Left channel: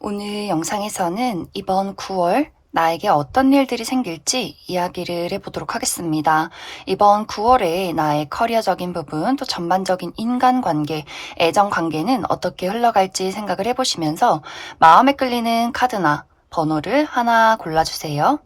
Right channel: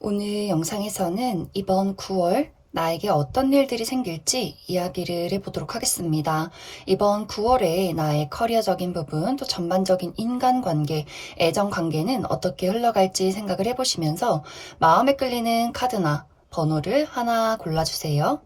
오늘 영상에서는 이번 9월 나에게 어떤 일들이 생길지 이야기를 해보도록 하겠습니다. 이번 9월에 나의 커리어적인 부분, 또 전반적인 인간관계, 애정관계는 어떻게 흘러갈지 생각을 해보시면서 마음에 끌리는 카드나 번호를 하나 골라주세요.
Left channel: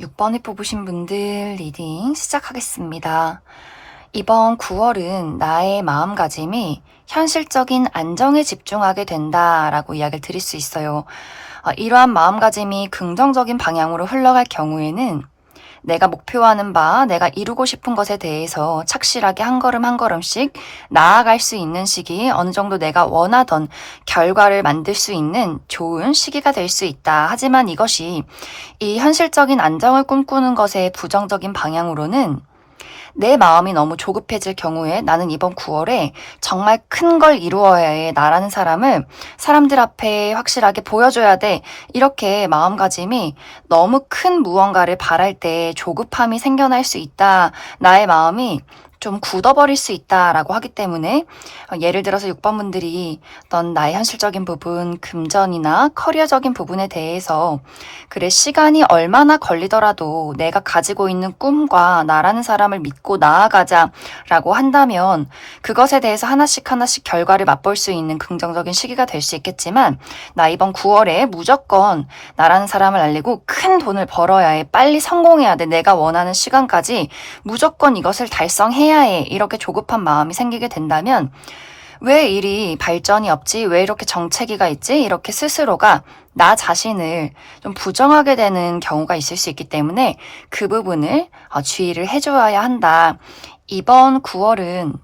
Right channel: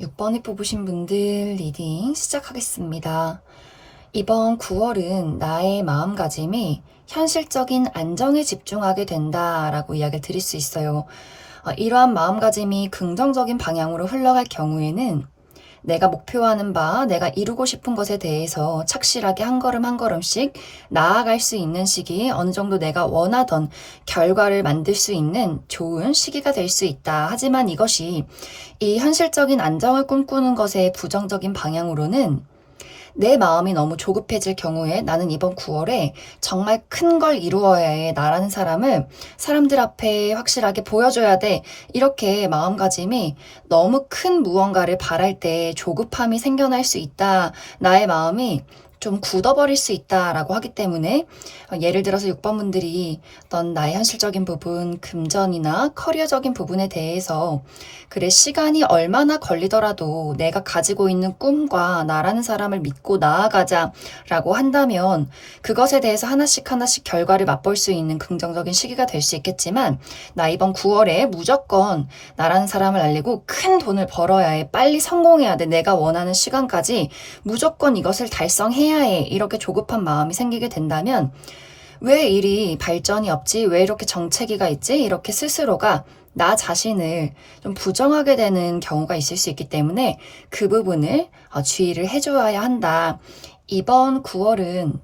6번을 뽑으신 분들 리딩 시작하겠습니다. 이번 9월은 나의 마음가짐이 현실적인 안정에 집중하게 된다라고 이야기를 드릴 수 있어요. 이러한 마음가짐이 긍정적인 방향으로 흘러갈 경우에는 내가 목표하는 바, 내가 이루고 싶은 것에 대해서 착실하게 한 걸음 한 걸음씩 나아갈 수 있는 시기, 어느 정도 내가 원하던 결과를 만들 수 있는 좋은 시기가 될 수 있다. 하지만 이것이 이 현실적인 안정을 꿈꾸는 것의 부정적인 방향으로는 내 마음이 너무 조급해질 경우에 나는 이번 9월에 정말 큰 걸 이루어야 해. 나라는 사람을 사람들 앞에 확실하게 보여줘야 돼. 이렇게 마음가짐이 너무 큰 무언가를 바랄 때 조급함이 생겨날 수 있다. 나의 마음이 좀 굳어버릴 수 있다라고 하기 때문에 예를 들어서 6번 분들이 어떤 나의 현실적인 부분, 금전이나 커리어적인 부분에 대해서 그래 시간이 얼마나 걸리더라도 내가 가지고 있는 꿈과 나라는 사람을 믿고 나아가자라고 한다면 그것에 대해서 하나씩 하나씩 결과를 맛볼 수 있는 긍정적인 시기가 될 수 있겠지만 나 이번 9월에 무조건 나라는 사람을 알리고 큰 돈을 벌어야 해. 빨리 성공해야 돼. 내가 원하는 시간까지 무조건 이것을 달성해야 해. 이렇게 조급한 마음이 생기게 된다면 왜 일이 발전이 없지? 왜 이렇게 정체기가 있지? 이렇게 스스로가 나 자신을 좀 부정하게 되는 경우가 있을 수 있기 때문에 그 부분을 주의를 해줘야 한다. 이번 9월은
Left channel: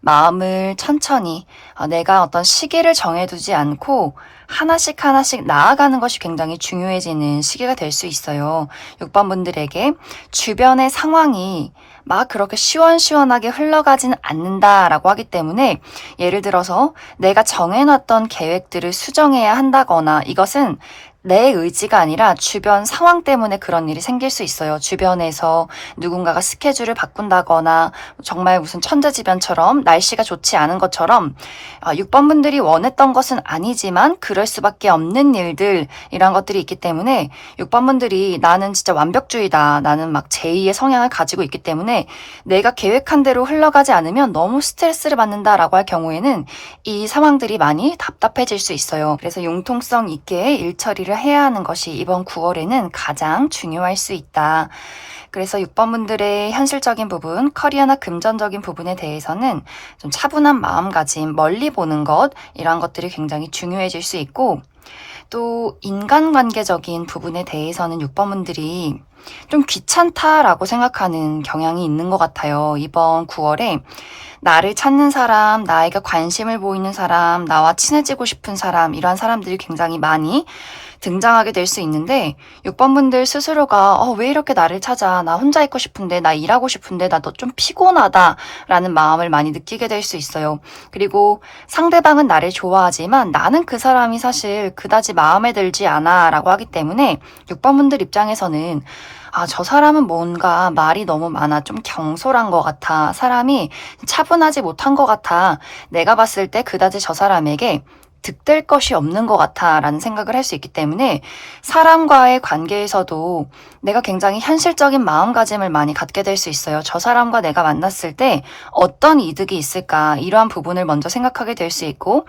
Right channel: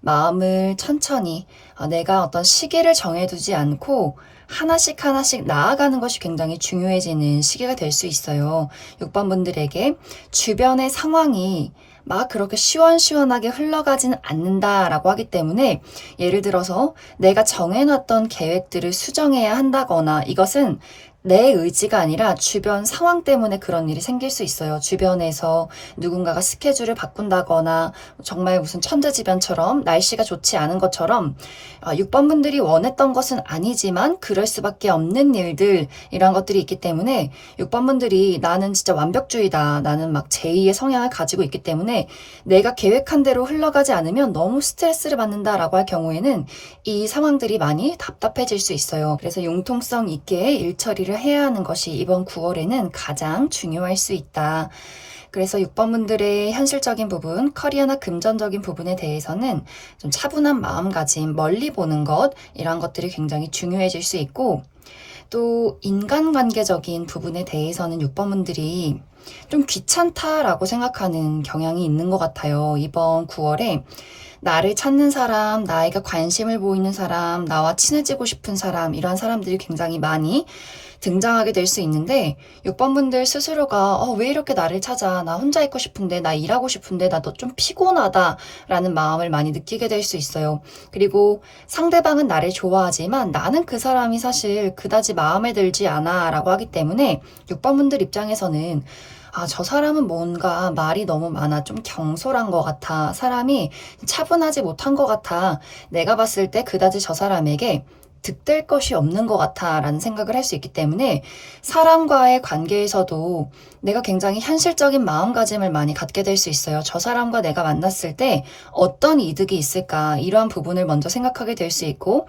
마음을 천천히 내가 어떤 시기를 정해두지 않고 하나씩 하나씩 나아가는 것이 굉장히 중요해지는 시기가 될 수 있어요. 6번 분들에게 주변의 상황이 막 그렇게 시원시원하게 흘러가지는 않는다라고 하기 때문에 예를 들어서 내가 정해놨던 계획들을 수정해야 한다거나 이것은 내 의지가 아니라 주변 상황 때문에 그런 일이 생길 수 있어요. 주변에서 누군가가 스케줄을 바꾼다거나 정말 무슨 천재지변처럼 날씨가 좋지 않은 것처럼 6번 분들이 원했던 것은 아니지만 그럴 수밖에 없는 일들 이런 것들이 있기 때문에 6번 분들이 나는 진짜 완벽주의다. 나는 막 제2의 성향을 가지고 있기 때문에 내가 계획한 대로 흘러가지 않으면 너무 스트레스를 받는다라고 할 경우에는 이 상황들이 많이 답답해질 수 있어요. 그래서 융통성 있게 일 처리를 해야 하는 것이 이번 9월에는 가장 중요할 수 있다. 그래서 6번 분들의 현실적인 부분, 커리어나 금전적인 부분에 대해서는 좀 차분한 마음가짐, 멀리 보는 것, 이런 것들이 굉장히 중요해질 수 있고, 또 인간관계적인 부분에 대해서는 6번 분들이 좀 귀찮다라고 생각하는 경향이 있는 것 같아요. 이번 9월에 나를 찾는 사람, 나에게 관심을 보이는 사람, 나와 친해지고 싶은 사람, 이러한 사람들이 굉장히 많이 등장하게 될 수 있는데 6번 분들 스스로가 왜 이렇게 나를 찾아? 나 혼자 있고 싶은데, 나 일하고 싶은데, 나 너 좀 피곤하다 라는 마음을 많이 느끼게 될 수 있어요. 그리고 상대방은 나를 좋아하지만 나는 그 사람이 사실 그다지 마음에 들지 않아 라고 하기 때문에 6번 분들 입장에서는 저 사람은 뭔가 말이 너무 많아. 좀 경솔한 것 같아. 사람이 차분하지 못한 것 같아. 내가 봤을 때 그다지 저 사람에게 득될 것이 없는 것 같아 라는 생각을 할 수 있기 때문에 사람과의 관계에서도 내가 굉장히 현실적인 마음가짐을 많이 갖게 될 수 있어요. 저 사람과 내가 만났을 때 어떤 이득이 있을까, 이러한 부분을 먼저 생각하게 될 수 있고,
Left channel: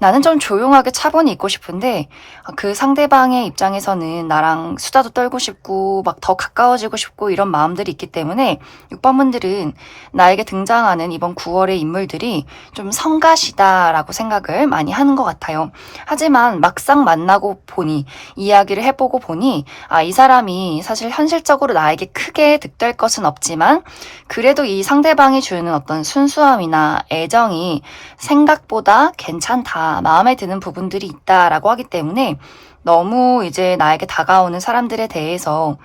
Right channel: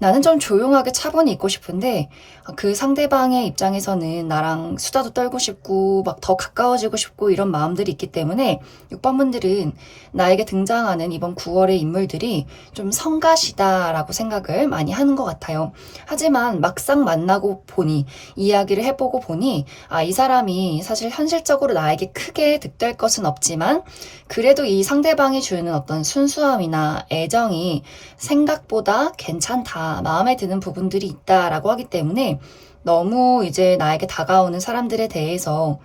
나는 좀 조용하게 차분히 있고 싶은데 그 상대방의 입장에서는 나랑 수다도 떨고 싶고 막 더 가까워지고 싶고 이런 마음들이 있기 때문에 6번 분들은 나에게 등장하는 이번 9월의 인물들이 좀 성가시다라고 생각을 많이 하는 것 같아요. 하지만 막상 만나고 보니, 이야기를 해보고 보니 이 사람이 사실 현실적으로 나에게 크게 득될 것은 없지만 그래도 이 상대방이 주는 어떤 순수함이나 애정이 생각보다 괜찮다, 마음에 드는 부분들이 있다라고 하기 때문에 너무 이제 나에게 다가오는 사람들에 대해서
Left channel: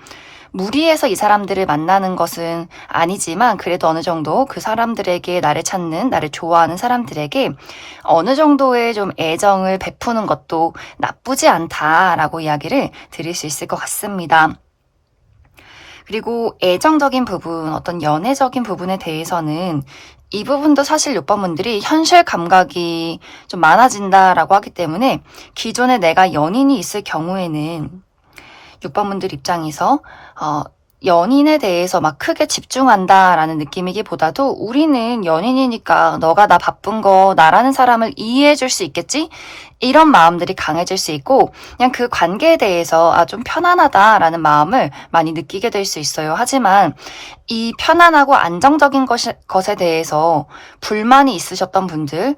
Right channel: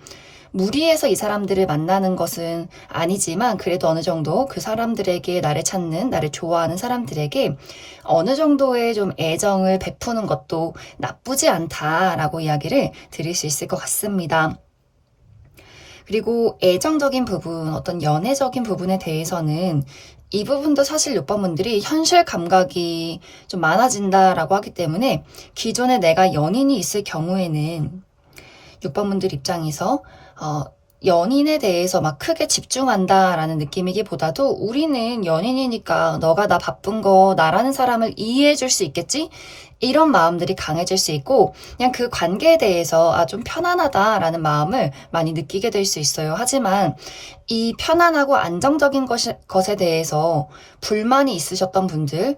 무리해서 이 사람들을 만나는 것은 아니지만 그래도 어느 정도 그 사람들에게, 나를 찾는, 나를 좋아하는 사람들에게 어느 정도의 좀 애정을 베푸는 것도 나쁘지 않다라고 이야기를 드릴 수 있을 것 같습니다. 그리고 애정적인 부분, 어떤 연애적인 부분에 대해서는 이 부분도 사실 6번 분들이 현실 감각이 좀 많아진다라고 하기 때문에 기존에 내가 연인이 있을 경우에는 6번 분들 입장에서 연인에 대해서 막 크게 집중한다라는 느낌이기보다도 우리는 연인이니까 너가 나 바쁜 거 나라는 사람을 이해해 줄 수 있겠지? 이런 마음들이 강해질 수 있고 그냥 그 관계에 대해서 좀 편안하다라는 마음을 많이 느끼게 될 수 있어요. 하지만 이 편안하고 안정적인 것에 대해서 불만이 있으셨던 분들,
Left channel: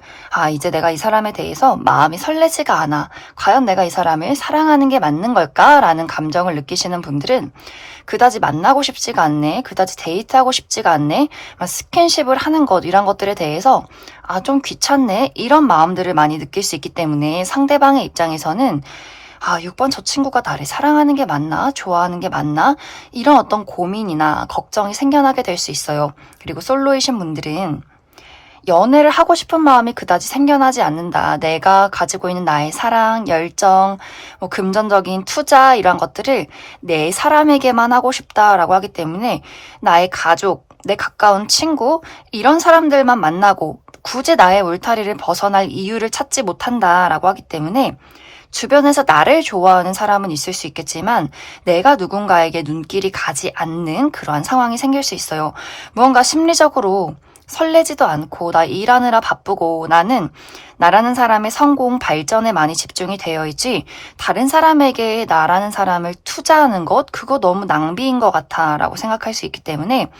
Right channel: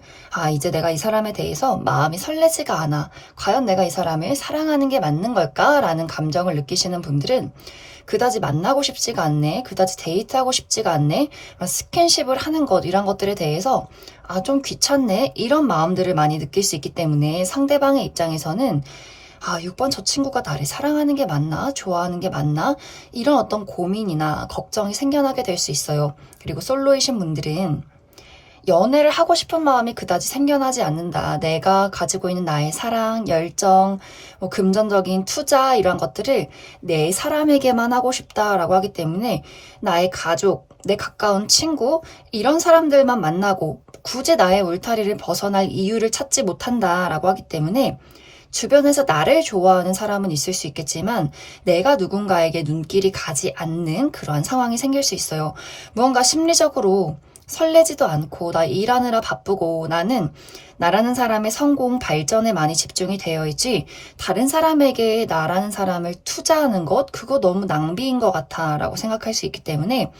이제 내가 이 사람에 대해서 마음이 설레지가 않아. 과연 내가 이 사람을 사랑하는 게 맞는 걸까? 라는 감정을 느끼시는 분들은 그다지 만나고 싶지가 않네, 그다지 데이트하고 싶지가 않네, 스킨십을 하는 것, 이런 것들에 대해서 좀 귀찮네, 이런 마음들을 많이 느낄 수 있기 때문에 상대방의 입장에서는 6번 저 친구가 나를 사랑하는 게 맞나? 좋아하는 게 맞나? 이런 어떤 고민이나 걱정이 생겨나게 될 수 있어요. 그리고 솔로이신 분들은 연애를 하고 싶은 마음이 그다지 생겨나지 않는다. 내가 가지고 있는 나의 사랑, 열정, 금전적인 투자, 이런 것들을 내 사람에게만 하고 싶다라고 하기 때문에 나의 가족, 내 가까운 친구, 이런 사람들만 만나고 굳이 나의 울타리를 벗어날 이유를 찾지 못한다라고 하기 때문에 주변에서 나를 좋아하는 사람은 있을 수 있겠지만 내가 누군가에게 눈길이 가지 않는 그러한 상황이 생길 수 있어요. 무언가 심리적으로 설레지도 않고 나 일하느라 바쁘고 나는 나라는 사람의 성공, 발전에 많이 집중이 되어 있지 다른 사람에게 나라는 사람을 투자하는 것, 그거 너무 낭비인 것 같아 라고 생각할 수 있기 때문에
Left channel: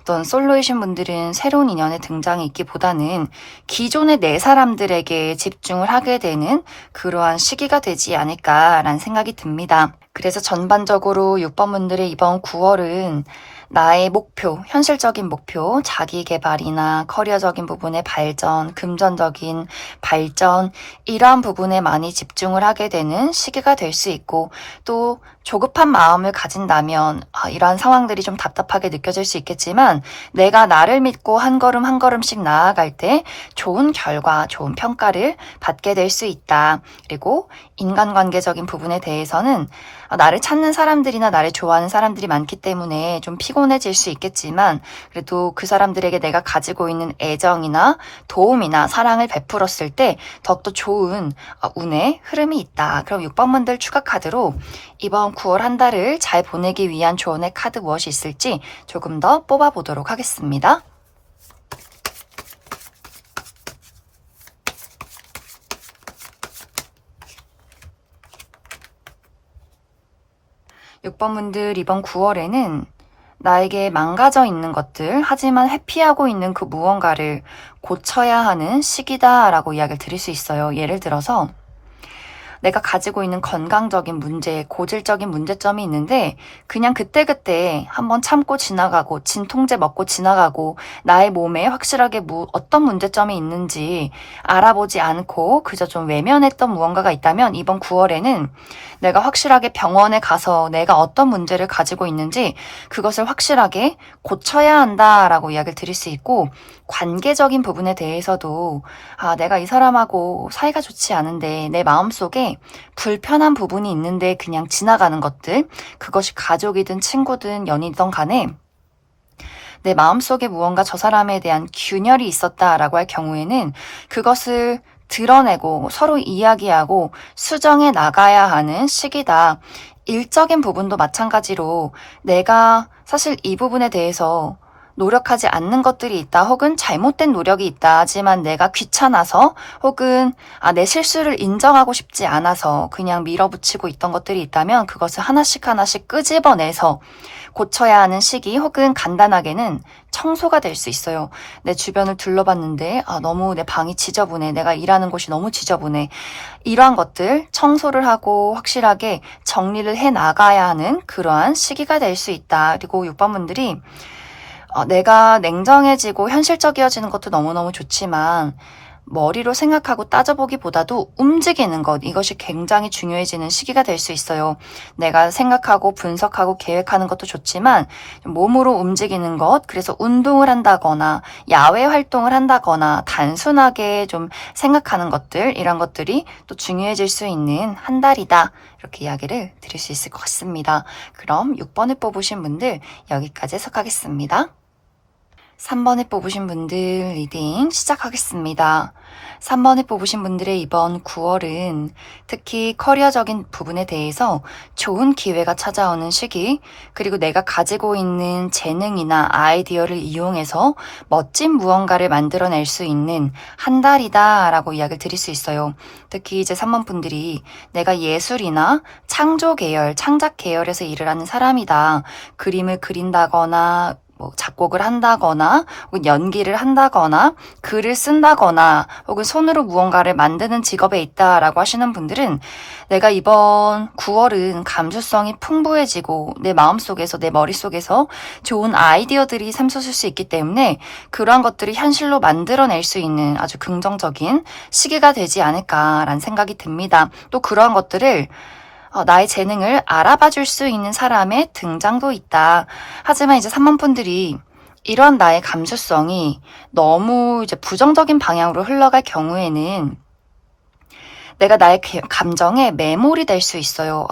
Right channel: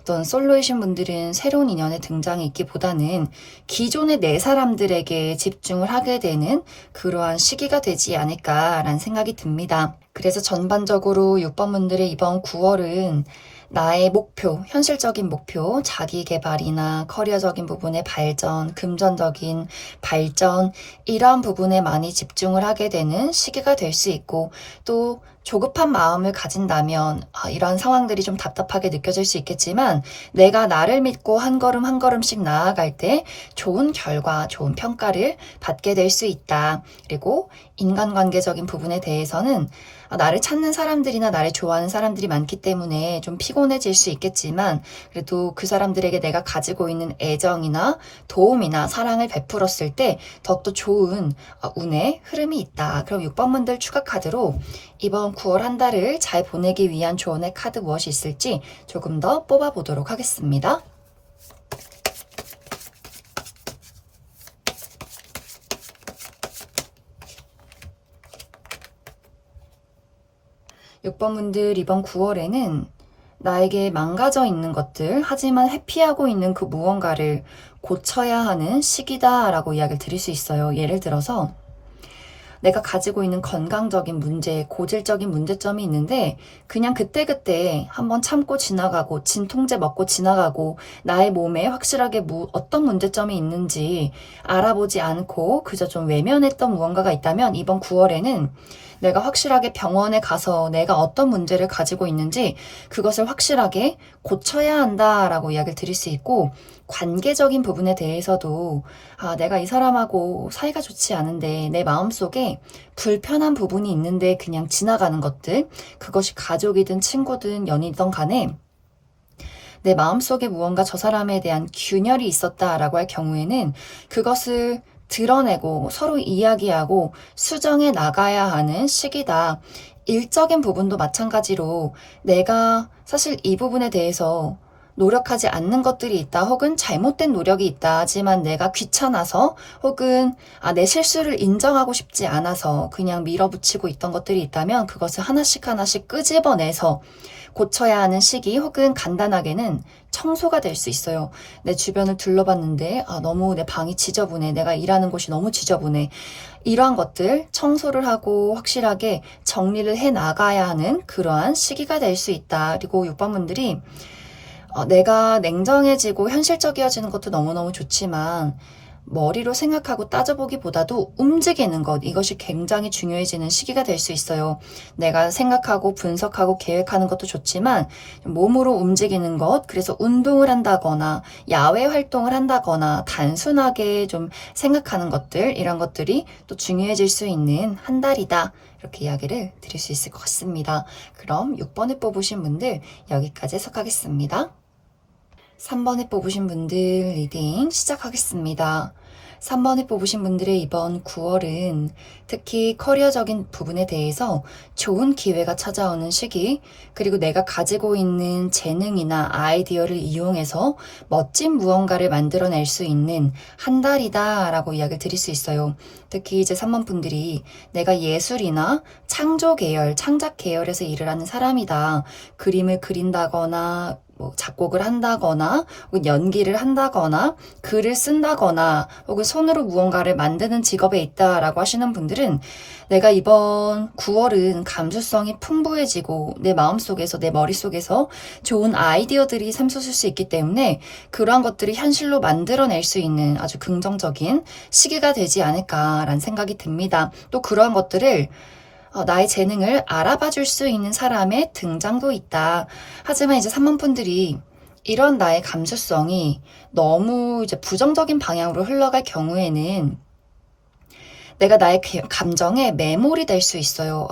어떤 솔로이신 분들은 새로운 인연의 등장이 있기보다는 기존의 내 사람들에게 집중을 하게 되는 그러한 시기가 되지 않을까라는 생각이 듭니다. 그래서 전반적으로 6번 분들의 이번 9월은 나의 목표, 현실적인 목표, 자기 개발이나 커리어적인 부분의 발전, 금전적인 발전, 이러한 부분에 많이 집중을 하게 되는 시기가 될 수 있고, 또 조급한 마음을 가진다면 이러한 상황들이 좀 답답하게 느껴질 수 있겠지만 내가 나를 믿고 한 걸음 한 걸음씩 나아갈 때 좋은 결과, 좋은 평가를 받게 될 수 있다. 그리고 인간관계적인 부분에 대해서는 나를 찾는 사람들이나 나를 좋아하는 사람들이 많기 때문에 좀 피곤해질 수 있겠지만 그래도 그 사람들에게 내가 가지고 있는 애정이나 도움이나 사랑을 베풀었을 때 더욱더 좋은 운의 흐름이 있다. 그럼 6번 분들 추가 카드로 이번 9월 한 달을 잘 보내기 위한 조언의 카드 무엇이 있을지 조금 더 뽑아보도록 하겠습니다. 6번 분들 이번 9월에는 나에게 망가져 있는 것들, 하지만 회피하고 있는 그 무언가를 고쳐야 하는 시기다라고 이야기를 드릴 수 있어요. 예를 들어서 내가 가지고 있는 건강적인 문제, 고질적인 문제점이 있는데 그냥 그때그때 한번 참고 지나가고 진통제 먹고 지나가고 나의 몸에 확실하게 어떤 문제점이 있는지 알아보지 않고 그저 좀 외면했던 무언가가 있다면 이번 9월에는 내가 확실하게 병원에 가서 내가 어떤 문제를 가지고 있는지 그것을 확실하게 고쳐야 한다라고 이야기를 드릴 수 있고, 관계적인 부분에 대해서도 내가 이 사람하고 사이가 좋지 않은데 내 마음속에 불편한 부분이 있는데 그냥 지나가는 것들, 그것이 가족이든 친구든 연인이든 간에 내 마음속에 무언가 저 사람에 대한 균열이 있었다라고 할 경우에는 그것을 드러내고 서로 이야기하고 수정해 나가야 하는 시기다. 일적인 부분도 마찬가지로 내가 사실 이 부분에 대해서 노력하지 않는 것들이 있다, 혹은 잘못된 노력이 있다 하지만 내가 귀찮아서, 혹은 내 실수를 인정하고 싶지 않아서 그냥 밀어붙이고 있던 것들이 있다면 그것을 하나씩 하나씩 끄집어내서 고쳐야 하는 시기, 혹은 간단하게는 청소가 될 수 있어요. 내 주변을 둘러봤는데 너무 내 방이 지저분해, 내가 일하는 곳이 너무 지저분해, 이러한 것들 청소를 하고 확실하게 정리를 해 나가야 하는 그러한 시기가 될 수 있다. 그리고 6번 분들이 내가 냉정해지고 현실적이어지는 것도 너무너무 좋지만 머리로 생각하고 따져보기보다도 움직이는 것, 이것이 굉장히 중요해지는 시기가 될 수 있어요. 내가 생각하고 분석하고 계획하는 것도 좋지만 몸으로 움직이는 것, 그래서 운동을 한다거나 야외 활동을 한다거나 단순하게 좀 생각하는 것들, 이런 것들이 또 중요해질 수 있는 한 달이다. 이렇게 이야기를 드릴 수 있을 것 같습니다. 그럼 6번을 뽑으신 분들 여기까지 해석하겠습니다. 3번을 뽑으신 분들 리딩 시작하겠습니다. 3번을 뽑으신 분들의 이번 9월은 특히 커리어적인 부분에 대해서 좋은 기회가 찾아오는 시기, 그리고 내가 가지고 있는 재능이나 아이디어를 이용해서 멋진 무언가를 만들어낼 수 있는 한 달이다 라고 이야기를 드릴 수 있어요. 특히 이제 3번 분들이 내가 예술이나 창조 계열, 창작 계열에서 일을 하는 사람이다. 그림을 그린다거나 작곡을 한다거나 혹은 연기를 한다거나 글을 쓴다거나 혹은 손으로 무언가를 만드는 직업에 있다라고 하시는 분들은 내가 이번 9월은 감수성이 풍부해지고 내 마음속에서, 내 머릿속에서 좋은 아이디어들이 샘솟을 수 있기 때문에 그러한 것들을 현실로 만들어낼 수 있는 아주 긍정적인 시기가 되지 않을까라는 생각이 듭니다. 또 그러한 것들을 나의 재능을 알아봐 줄 수 있는 사람의 등장도 있다. 하지만 이제 3번 분들이 이런 나의 감수성이 너무 이제 부정적인 방향으로 흘러갈 경우에는 내가 나의 감정에 매몰이 될 수 있어요.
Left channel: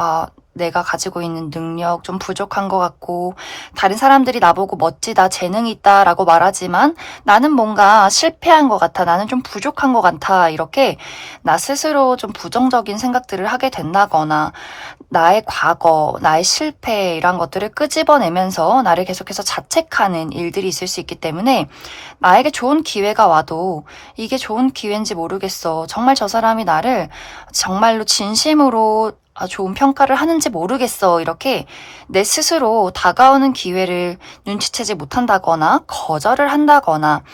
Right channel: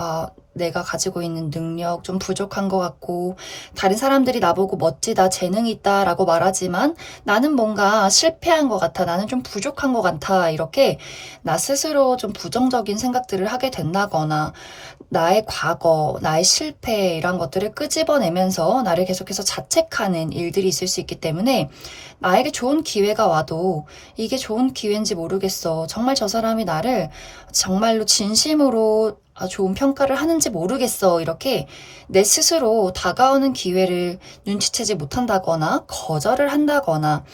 내가 가지고 있는 능력 좀 부족한 것 같고, 다른 사람들이 나보고 멋지다, 재능이 있다 라고 말하지만 나는 뭔가 실패한 것 같아, 나는 좀 부족한 것 같아, 이렇게 나 스스로 좀 부정적인 생각들을 하게 된다거나 나의 과거, 나의 실패, 이런 것들을 끄집어내면서 나를 계속해서 자책하는 일들이 있을 수 있기 때문에 나에게 좋은 기회가 와도 이게 좋은 기회인지 모르겠어, 정말 저 사람이 나를 정말로 진심으로 좋은 평가를 하는지 모르겠어, 이렇게 내 스스로 다가오는 기회를 눈치채지 못한다거나 거절을 한다거나,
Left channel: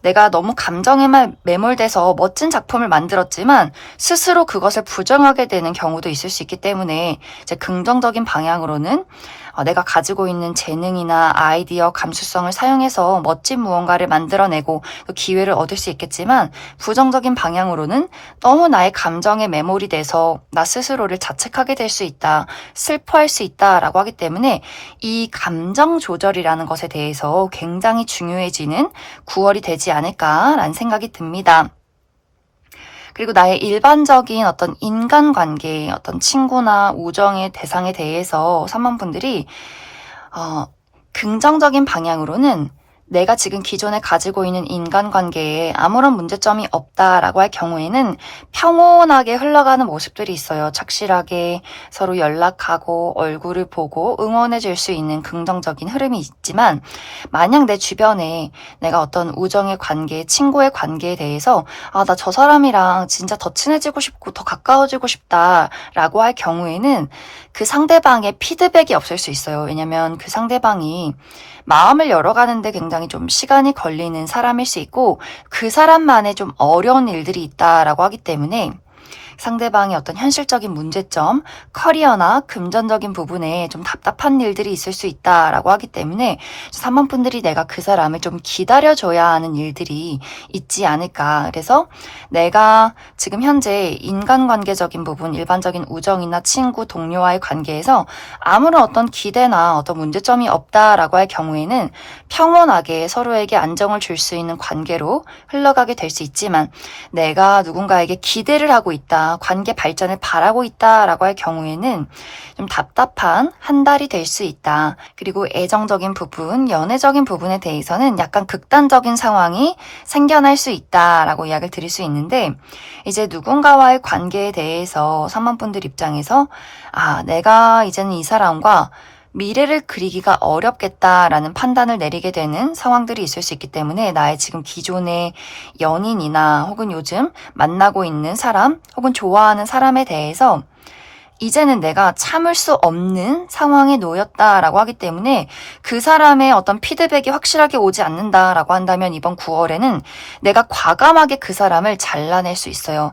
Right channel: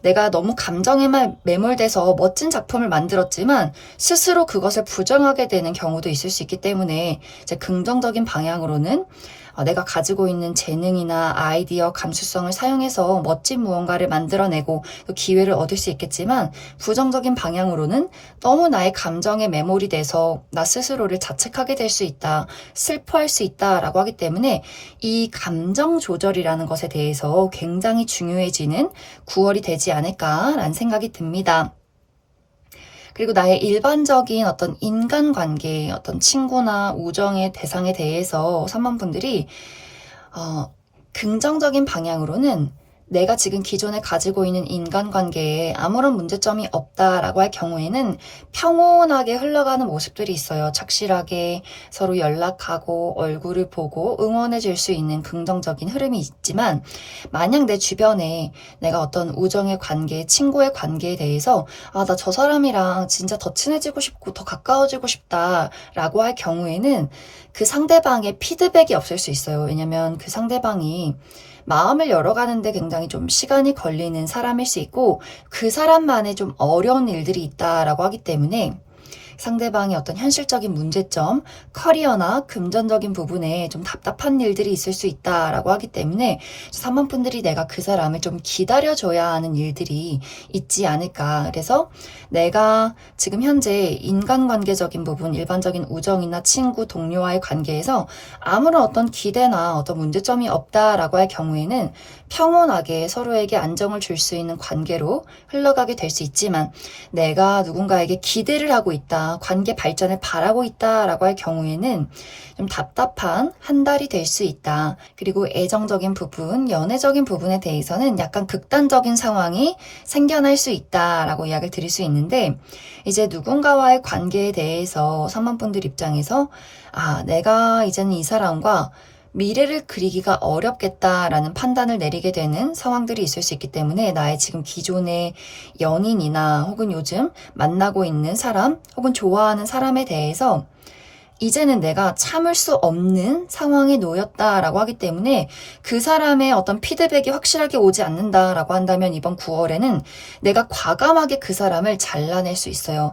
내가 너무 감정에만 매몰돼서 멋진 작품을 만들었지만 스스로 그것을 부정하게 되는 경우도 있을 수 있기 때문에 이제 긍정적인 방향으로는 내가 가지고 있는 재능이나 아이디어, 감수성을 사용해서 멋진 무언가를 만들어내고 또 기회를 얻을 수 있겠지만, 부정적인 방향으로는 너무 나의 감정에 매몰이 돼서 나 스스로를 자책하게 될 수 있다, 슬퍼할 수 있다라고 하기 때문에 이 감정 조절이라는 것에 대해서 굉장히 중요해지는 9월이 되지 않을까라는 생각이 듭니다. 그리고 나의 일반적인 어떤 인간관계, 어떤 친구나 우정의 대상에 대해서 3번 분들이 긍정적인 방향으로는 내가 지금 기존에 가지고 있는 인간관계에 아무런 문제점이 없다라고 할 경우에는 평온하게 흘러가는 모습들이 있어요. 착실하게 서로 연락하고 얼굴을 보고 응원해 줄 수 있는 긍정적인 흐름이 있지만, 만약 내 주변에 내가 어떤 우정의 관계, 친구의 관계에 대해서 나 저 사람이랑 진짜 더 친해지고 싶고 더 가까워지고 싶다라고 할 경우에는 그 상대방의 피드백이 없을 수 있어요. 왜냐면 그 상대방이 마음을 열어가는데 굉장히 좀 시간이 걸리는 사람일 수 있고 그 사람만의 좀 어려운 일들이 있다라고 하기 때문에 상대방의 어떤 현실적인 문제점, 커리어나 금전적인 부분에 좀 답답한 일들이 있을 수 있다라고 하기 때문에 3번 분들이 내가 그 사람을 좀 기다려줘야 하는 일들이 있지 않을까. 그래서 내가 지금 현재 인간관계적인 부분, 일반적인 우정이나 친구, 동료와의 관계에서 아무런 어떤 기대나 어떤 문제점이 없다라고 할 경우에는 평온하게 서로에게 안정을 줄 수 있는 관계로 흘러가게 될 수 있지만, 내가 누군가에게 기대를 하고 있다, 관계 발전을 바라고 있다라고 할 경우에는 좀 답답한 한 달이 될 수 있다. 그리고 애정적인 부분, 연애적인 부분에 대해서는 약간 극단적인 상황이 생겨날 수 있다라고 이야기를 드릴 수 있는데, 이제 누군가와의 관계에 대해서 3번 분들 입장에서 내가 이제는 이 사람과 미래를 그리기가 어렵겠다라는 판단을 내리게 되는 상황들이 있을 수 있기 때문에, 나의 지금 기존의 연인이나 혹은 요즘 만나고 있는 사람 혹은 좋아하는 사람에 대해서 이제는 내가 참을 수 없는 상황에 놓였다라고 하기 때문에 그 사람의 어떤 피드백이 확실하게 오지 않는다라고 한다면 이번 9월에는 내가 과감하게 그 사람을 잘라낼 수 있어요.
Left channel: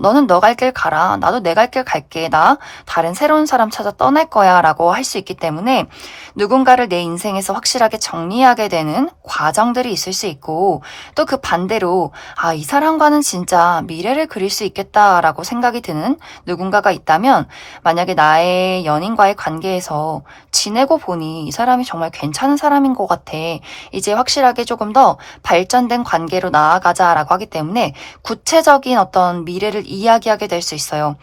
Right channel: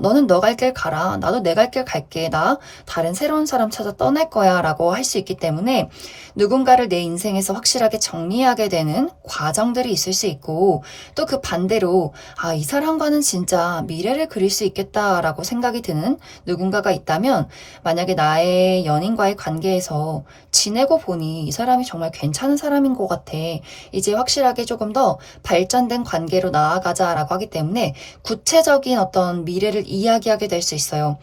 너는 너 갈 길 가라. 나도 내 갈 길 갈게. 나 다른 새로운 사람 찾아 떠날 거야 라고 할 수 있기 때문에 누군가를 내 인생에서 확실하게 정리하게 되는 과정들이 있을 수 있고, 또 그 반대로 이 사람과는 진짜 미래를 그릴 수 있겠다라고 생각이 드는 누군가가 있다면, 만약에 나의 연인과의 관계에서 지내고 보니 이 사람이 정말 괜찮은 사람인 것 같아. 이제 확실하게 조금 더 발전된 관계로 나아가자라고 하기 때문에 구체적인 어떤 미래를 이야기하게 될 수 있어요.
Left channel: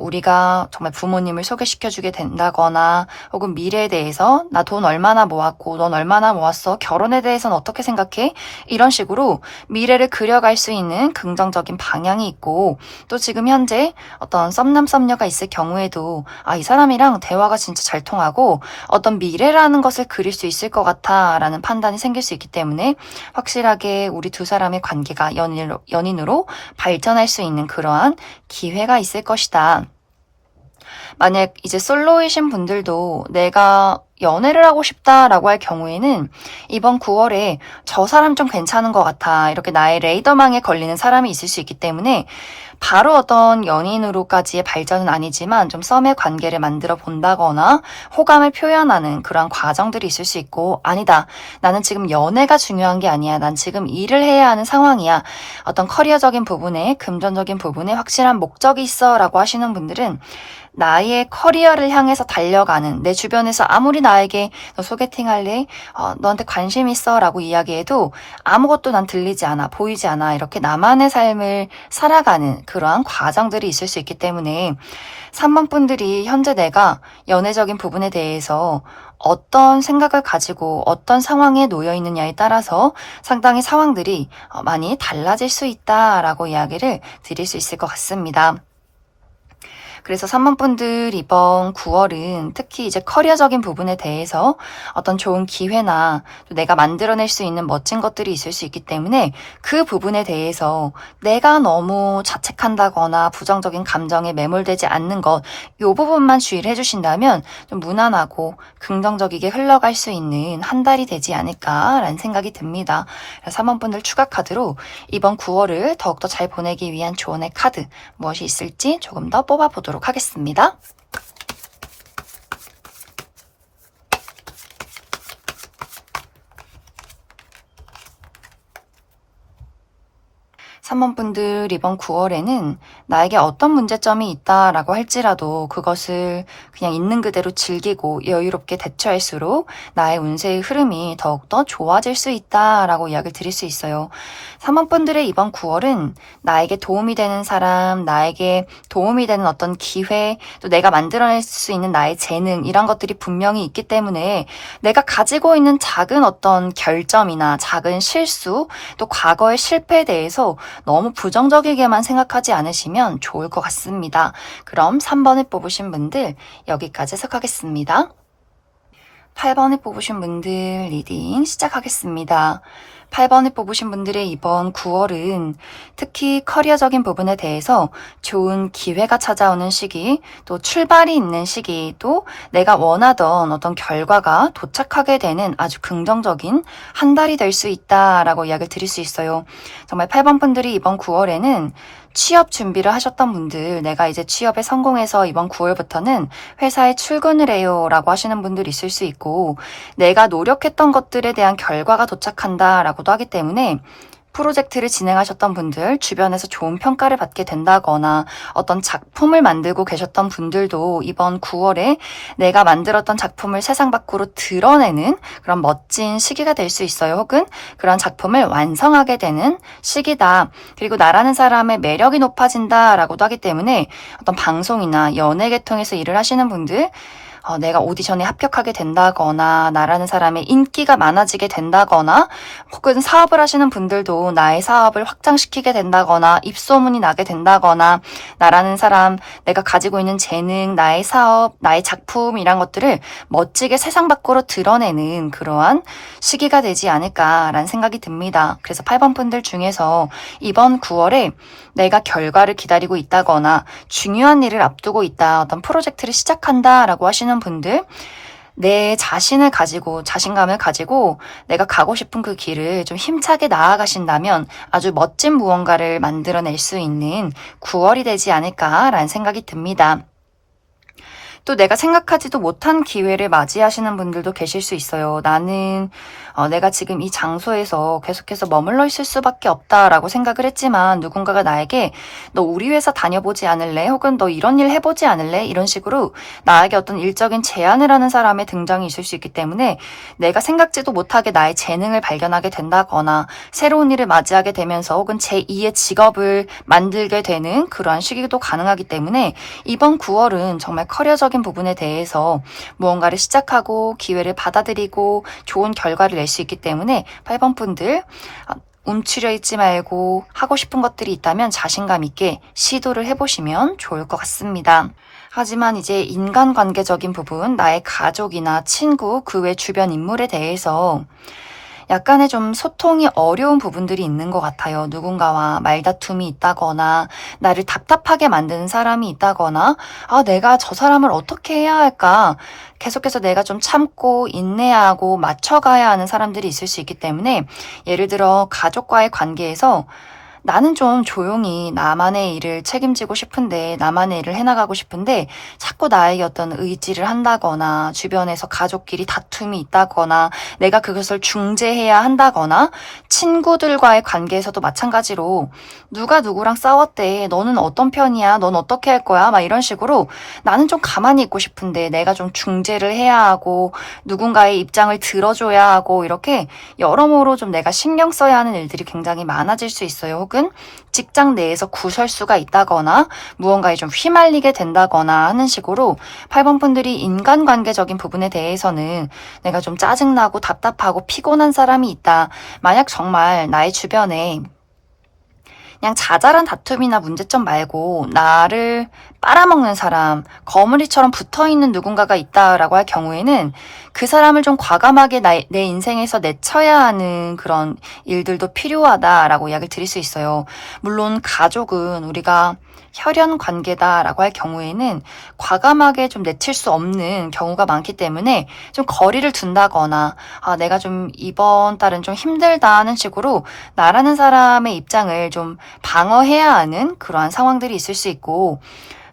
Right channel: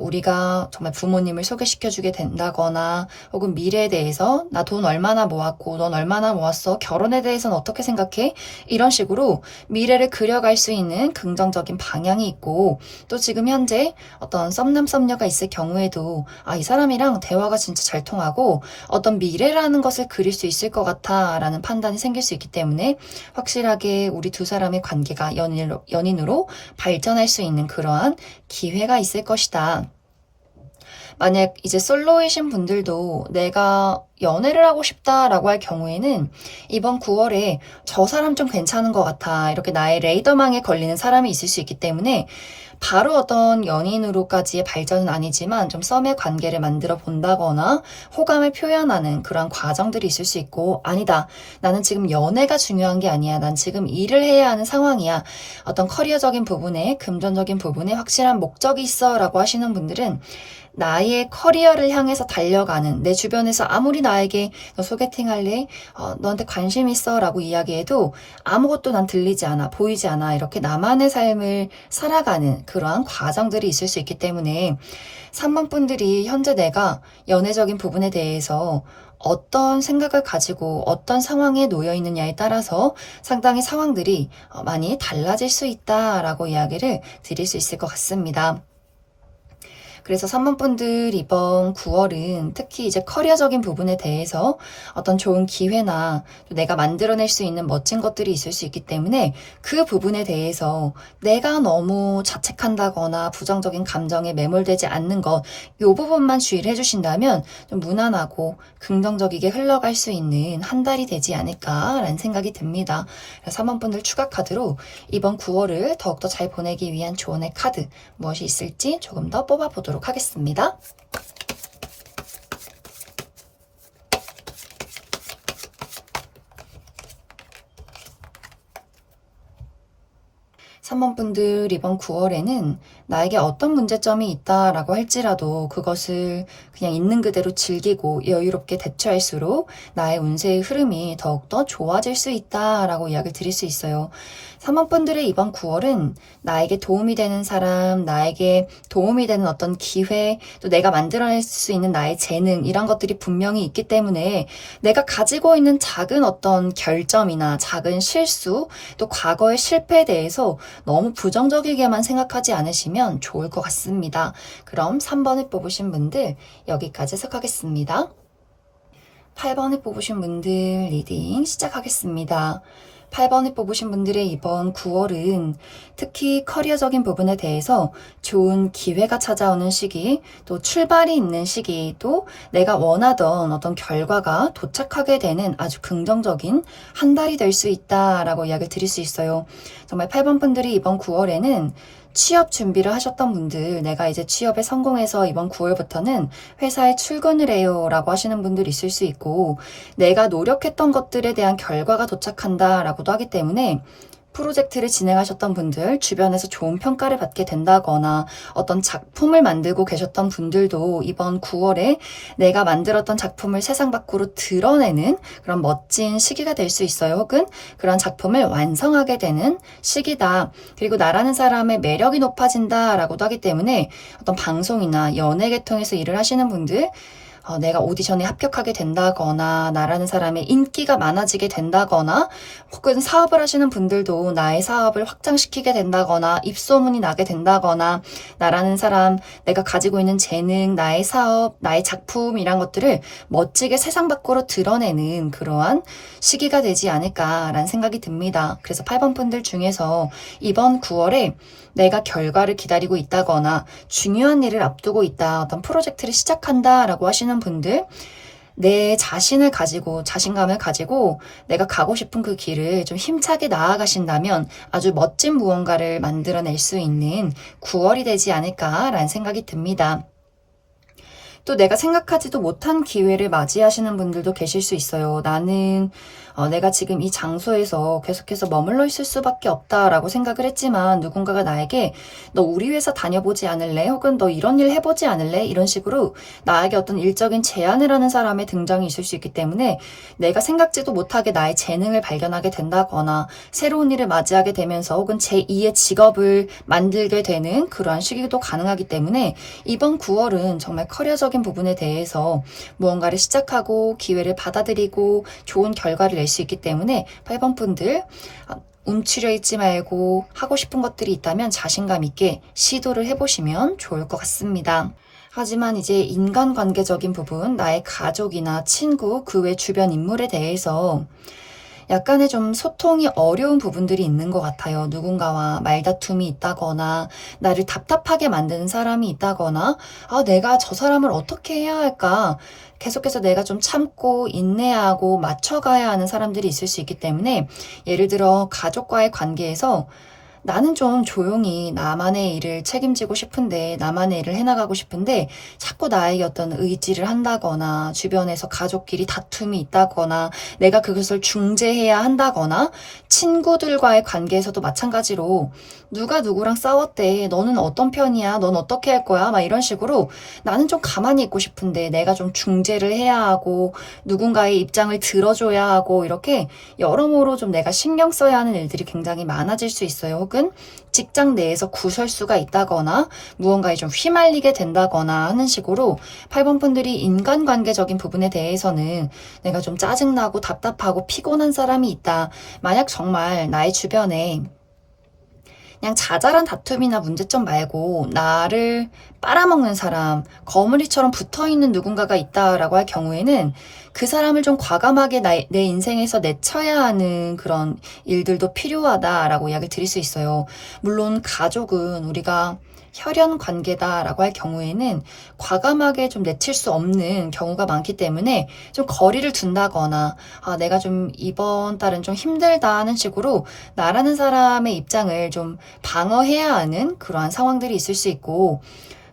우리가 정말 부모님을 소개시켜주게 된다거나, 혹은 미래에 대해서 나 돈 얼마나 모았고 넌 얼마나 모았어? 결혼에 대해서는 어떻게 생각해? 이런 식으로 미래를 그려갈 수 있는 긍정적인 방향이 있고, 또 지금 현재 어떤 썸남 썸녀가 있을 경우에도 이 사람이랑 대화가 진짜 잘 통하고 어떤 미래라는 것을 그릴 수 있을 것 같아 라는 판단이 생길 수 있기 때문에, 확실하게 우리 두 사람의 관계가 연인으로 발전할 수 있는 그러한 기회가 있을 것이다. 만약 이제 솔로이신 분들도 내가 연애를 하고 싶다라고 할 경우에는 이번 9월에 저 사람 좀 괜찮은 것 같아, 이렇게 나의 레이더망에 걸리는 사람이 있을 수 있기 때문에, 바로 어떤 연인으로까지의 발전은 아니지만 좀 썸의 관계를 만들어 본다거나 호감을 표현하는 그런 과정들이 있을 수 있고, 아니다, 나는 지금 연애가 중요한 게 아니야, 난 지금 일을 해야 하는 상황이야, 어떤 커리어적인 부분에, 금전적인 부분에 확실한 목적이 있어 라고 하시는 분들은 나의 커리어를 향해서 달려가는, 내 주변에서 아무리 나에게 너 소개팅 할래? 너한테 관심 있어? 라고 이야기해도 아무것도 난 들리지 않아, 보이지 않아, 이렇게 나만의 삶을 살아가는 그러한 과정들이 있을 수 있기 때문에 3번 분들이 현재 내가 연애적인 부분에 대해서 어떤 생각을 가지고 어떤 상황에 놓여 있느냐에 따라서 상당히 상황들이 많이 달라질 수 있다라고 이야기를 드릴 수 있을 것 같습니다. 그래서 3번 분들 이번 9월은 특히 이제 커리어적인 부분에 대해서 어떤 좋은 기회나 또 내가 만들어낼 수 있는 멋진 것들이 있을 수 있기 때문에, 그 부분에 대해서 내가 너무 자책한다거나 부정적인 감정에 매몰되지 않는 것, 이 부분만 주의를 해주신다면 좀 무난하고 긍정적이게 흘러갈 수 있는 한 달이 되지 않을까라는 생각이 듭니다. 3번 분들 추가 카드로 이번 9월을 더욱더 잘 보내기 위한 조언의 카드 무엇이 있을지 조금 더 뽑아보도록 하겠습니다. 3번 분들 이번 9월에는 나에게 어떤 문제점이 있다라고 할지라도 그것을 그냥 있는 그대로 즐기고 여유롭게 대처할수록 나의 운세의 흐름이 더욱더 좋아질 수 있다라고 이야기를 드릴 수 있어요. 3번 분들의 이번 9월은 나에게 도움이 되는 사람, 나에게 도움이 되는 어떤 기회, 또 내가 만들어낼 수 있는 나의 재능, 이런 것들이 분명히 있기 때문에 내가 가지고 있는 작은 어떤 결점이나 작은 실수, 또 과거의 실패에 대해서 너무 부정적이게만 생각하지 않으시면 좋을 것 같습니다. 그럼 3번을 뽑으신 분들 여기까지 해석하겠습니다. 8번을 뽑으신 분들 리딩 시작하겠습니다. 8번을 뽑으신 분들의 이번 9월은 특히 커리어적인 부분에 대해서 좋은 기회가 찾아오는 시기, 또 출발이 있는 시기, 또 내가 원하던 어떤 결과가 도착하게 되는 아주 긍정적인 한 달이 될 수 있다라고 이야기를 드릴 수 있어요. 정말 8번 분들이 이번 9월에는 취업 준비를 하셨던 분들, 내가 이제 취업에 성공해서 이번 9월부터는 회사에 출근을 해요 라고 하시는 분들 있을 수 있고, 내가 노력했던 것들에 대한 결과가 도착한다 라고도 하기 때문에 프로젝트를 진행하셨던 분들, 주변에서 좋은 평가를 받게 된다거나 어떤 작품을 만들고 계셨던 분들도 이번 9월에 내가 만들었던 작품을 세상 밖으로 드러내는 그런 멋진 시기가 될 수 있어요. 혹은 그런 작품을 완성하게 되는 시기다. 그리고 나라는 사람의 매력이 높아진다라고도 하기 때문에 어떤 방송이나 연예계통에서 일을 하시는 분들, 내가 오디션에 합격하게 된다거나 나라는 사람의 인기가 많아지게 된다거나 혹은 사업을 하시는 분들도 나의 사업을 확장시키게 된다거나 입소문이 나게 된다거나 나라는 사람, 내가 가지고 있는 재능, 나의 사업, 나의 작품 이란 것들을 멋지게 세상 밖으로 드러내는 그러한 시기가 되지 않을까라는 생각이 듭니다. 그래서 8번 분들 중에서 이번 9월에 내가 결과를 기다리고 있다거나 중요한 일을 앞두고 있다, 어떤 프로젝트를 시작한다라고 하시는 분들, 내 자신을 가지고 자신감을 가지고 내가 가고 싶은 그 길을 좀 힘차게 나아가신다면 아주 멋진 무언가를 만들어낼 수 있는 9월이 되지 않을까라는 생각이 듭니다. 또 내가 생각하지도 못한 기회를 맞이하시는 분들도 계실 수 있어요. 나는 내가 지금 이 장소에서 계속해서 머물러 있을 수밖에 없다라고 생각을 했지만 누군가가 나에게 너 우리 회사 다녀보지 않을래? 혹은 너 이런 일 해보지 않을래? 이런 식으로 나에게 어떤 일적인 제안을 하는 사람의 등장이 있을 수 있기 때문에 내가 생각지도 못하게 나의 재능을 발견하게 된다거나 새로운 일을 맞이하게 되면서 혹은 제2의 직업을 만들게 되는 그러한 시기도 가능하기 때문에 이번 9월은 정말 커리어적인 부분에 대해서 무언가를 시작하고 기회를 받아들이고 좋은 결과를 낼 수 있기 때문에 8번 분들 움츠려 있지 말고 하고 싶은 것들이 있다면 자신감 있게 시도를 해보시면 좋을 것 같습니다. 하지만 이제 인간관계적인 부분, 나의 가족이나 친구, 그 외 주변 인물에 대해서 약간의 좀 소통이 어려운 부분들이 있는 것 같아요. 누군가와 말다툼이 있다거나 나를 답답하게 만드는 사람이 있다거나 내가 저 사람을 어떻게 해야 할까? 계속해서 내가 좀 참고 인내하고 맞춰가야 하는 사람들이 있을 수 있기 때문에 예를 들어 가족과의 관계에서 나는 좀 조용히 나만의 일을 책임지고 싶은데 나만의 일을 해나가고 싶은데 자꾸 나에게 어떤 의지를 한다거나 주변에서 가족끼리 다툼이 있다거나 내가 그것을 중재해야 한다거나 친구들과의 관계에서도 마찬가지로 누가 누구랑 싸웠대, 너는 어떤 편이야, 넌 어떻게 할 거야, 막 이런 식으로 나는 좀 가만히 있고 싶은데 내가 좀 중재를 해야 하고 누군가의 입장을 들어줘야 하고 이렇게 여러모로 좀 내가 신경 써야 하는 일들이 굉장히 많아질 수 있어요. 혹은 직장 내에서 구설수가 있다거나 무언가에 좀 휘말리게 된다거나 하는 식으로 8번 분들이 인간관계적인 부분에 대해서는 내가 좀 짜증나고 답답하고 피곤한 사람이 있다. 만약 정말 나의 주변에 그냥 자잘한 다툼이나 문제점 말고 나를 빨아먹는 사람, 거물이처럼 붙어있는 누군가가 있다라고 할 경우에는 그 사람을 좀 과감하게 내 인생에서 내쳐야 하는 그런 일들도 필요하다라고 이야기를 드릴 수 있어요. 물론 가족은 우리가 혈연 관계다라고 할 경우에는 과감하게 좀 내칠 수 없는 경우가 많기 때문에 좀 거리를 둔다거나 내가 좀 이번 달은 좀 힘들다 하는 식으로 나라는 사람의 입장을 좀 방어해야 하는 그러한 상황들이 있을 수 있고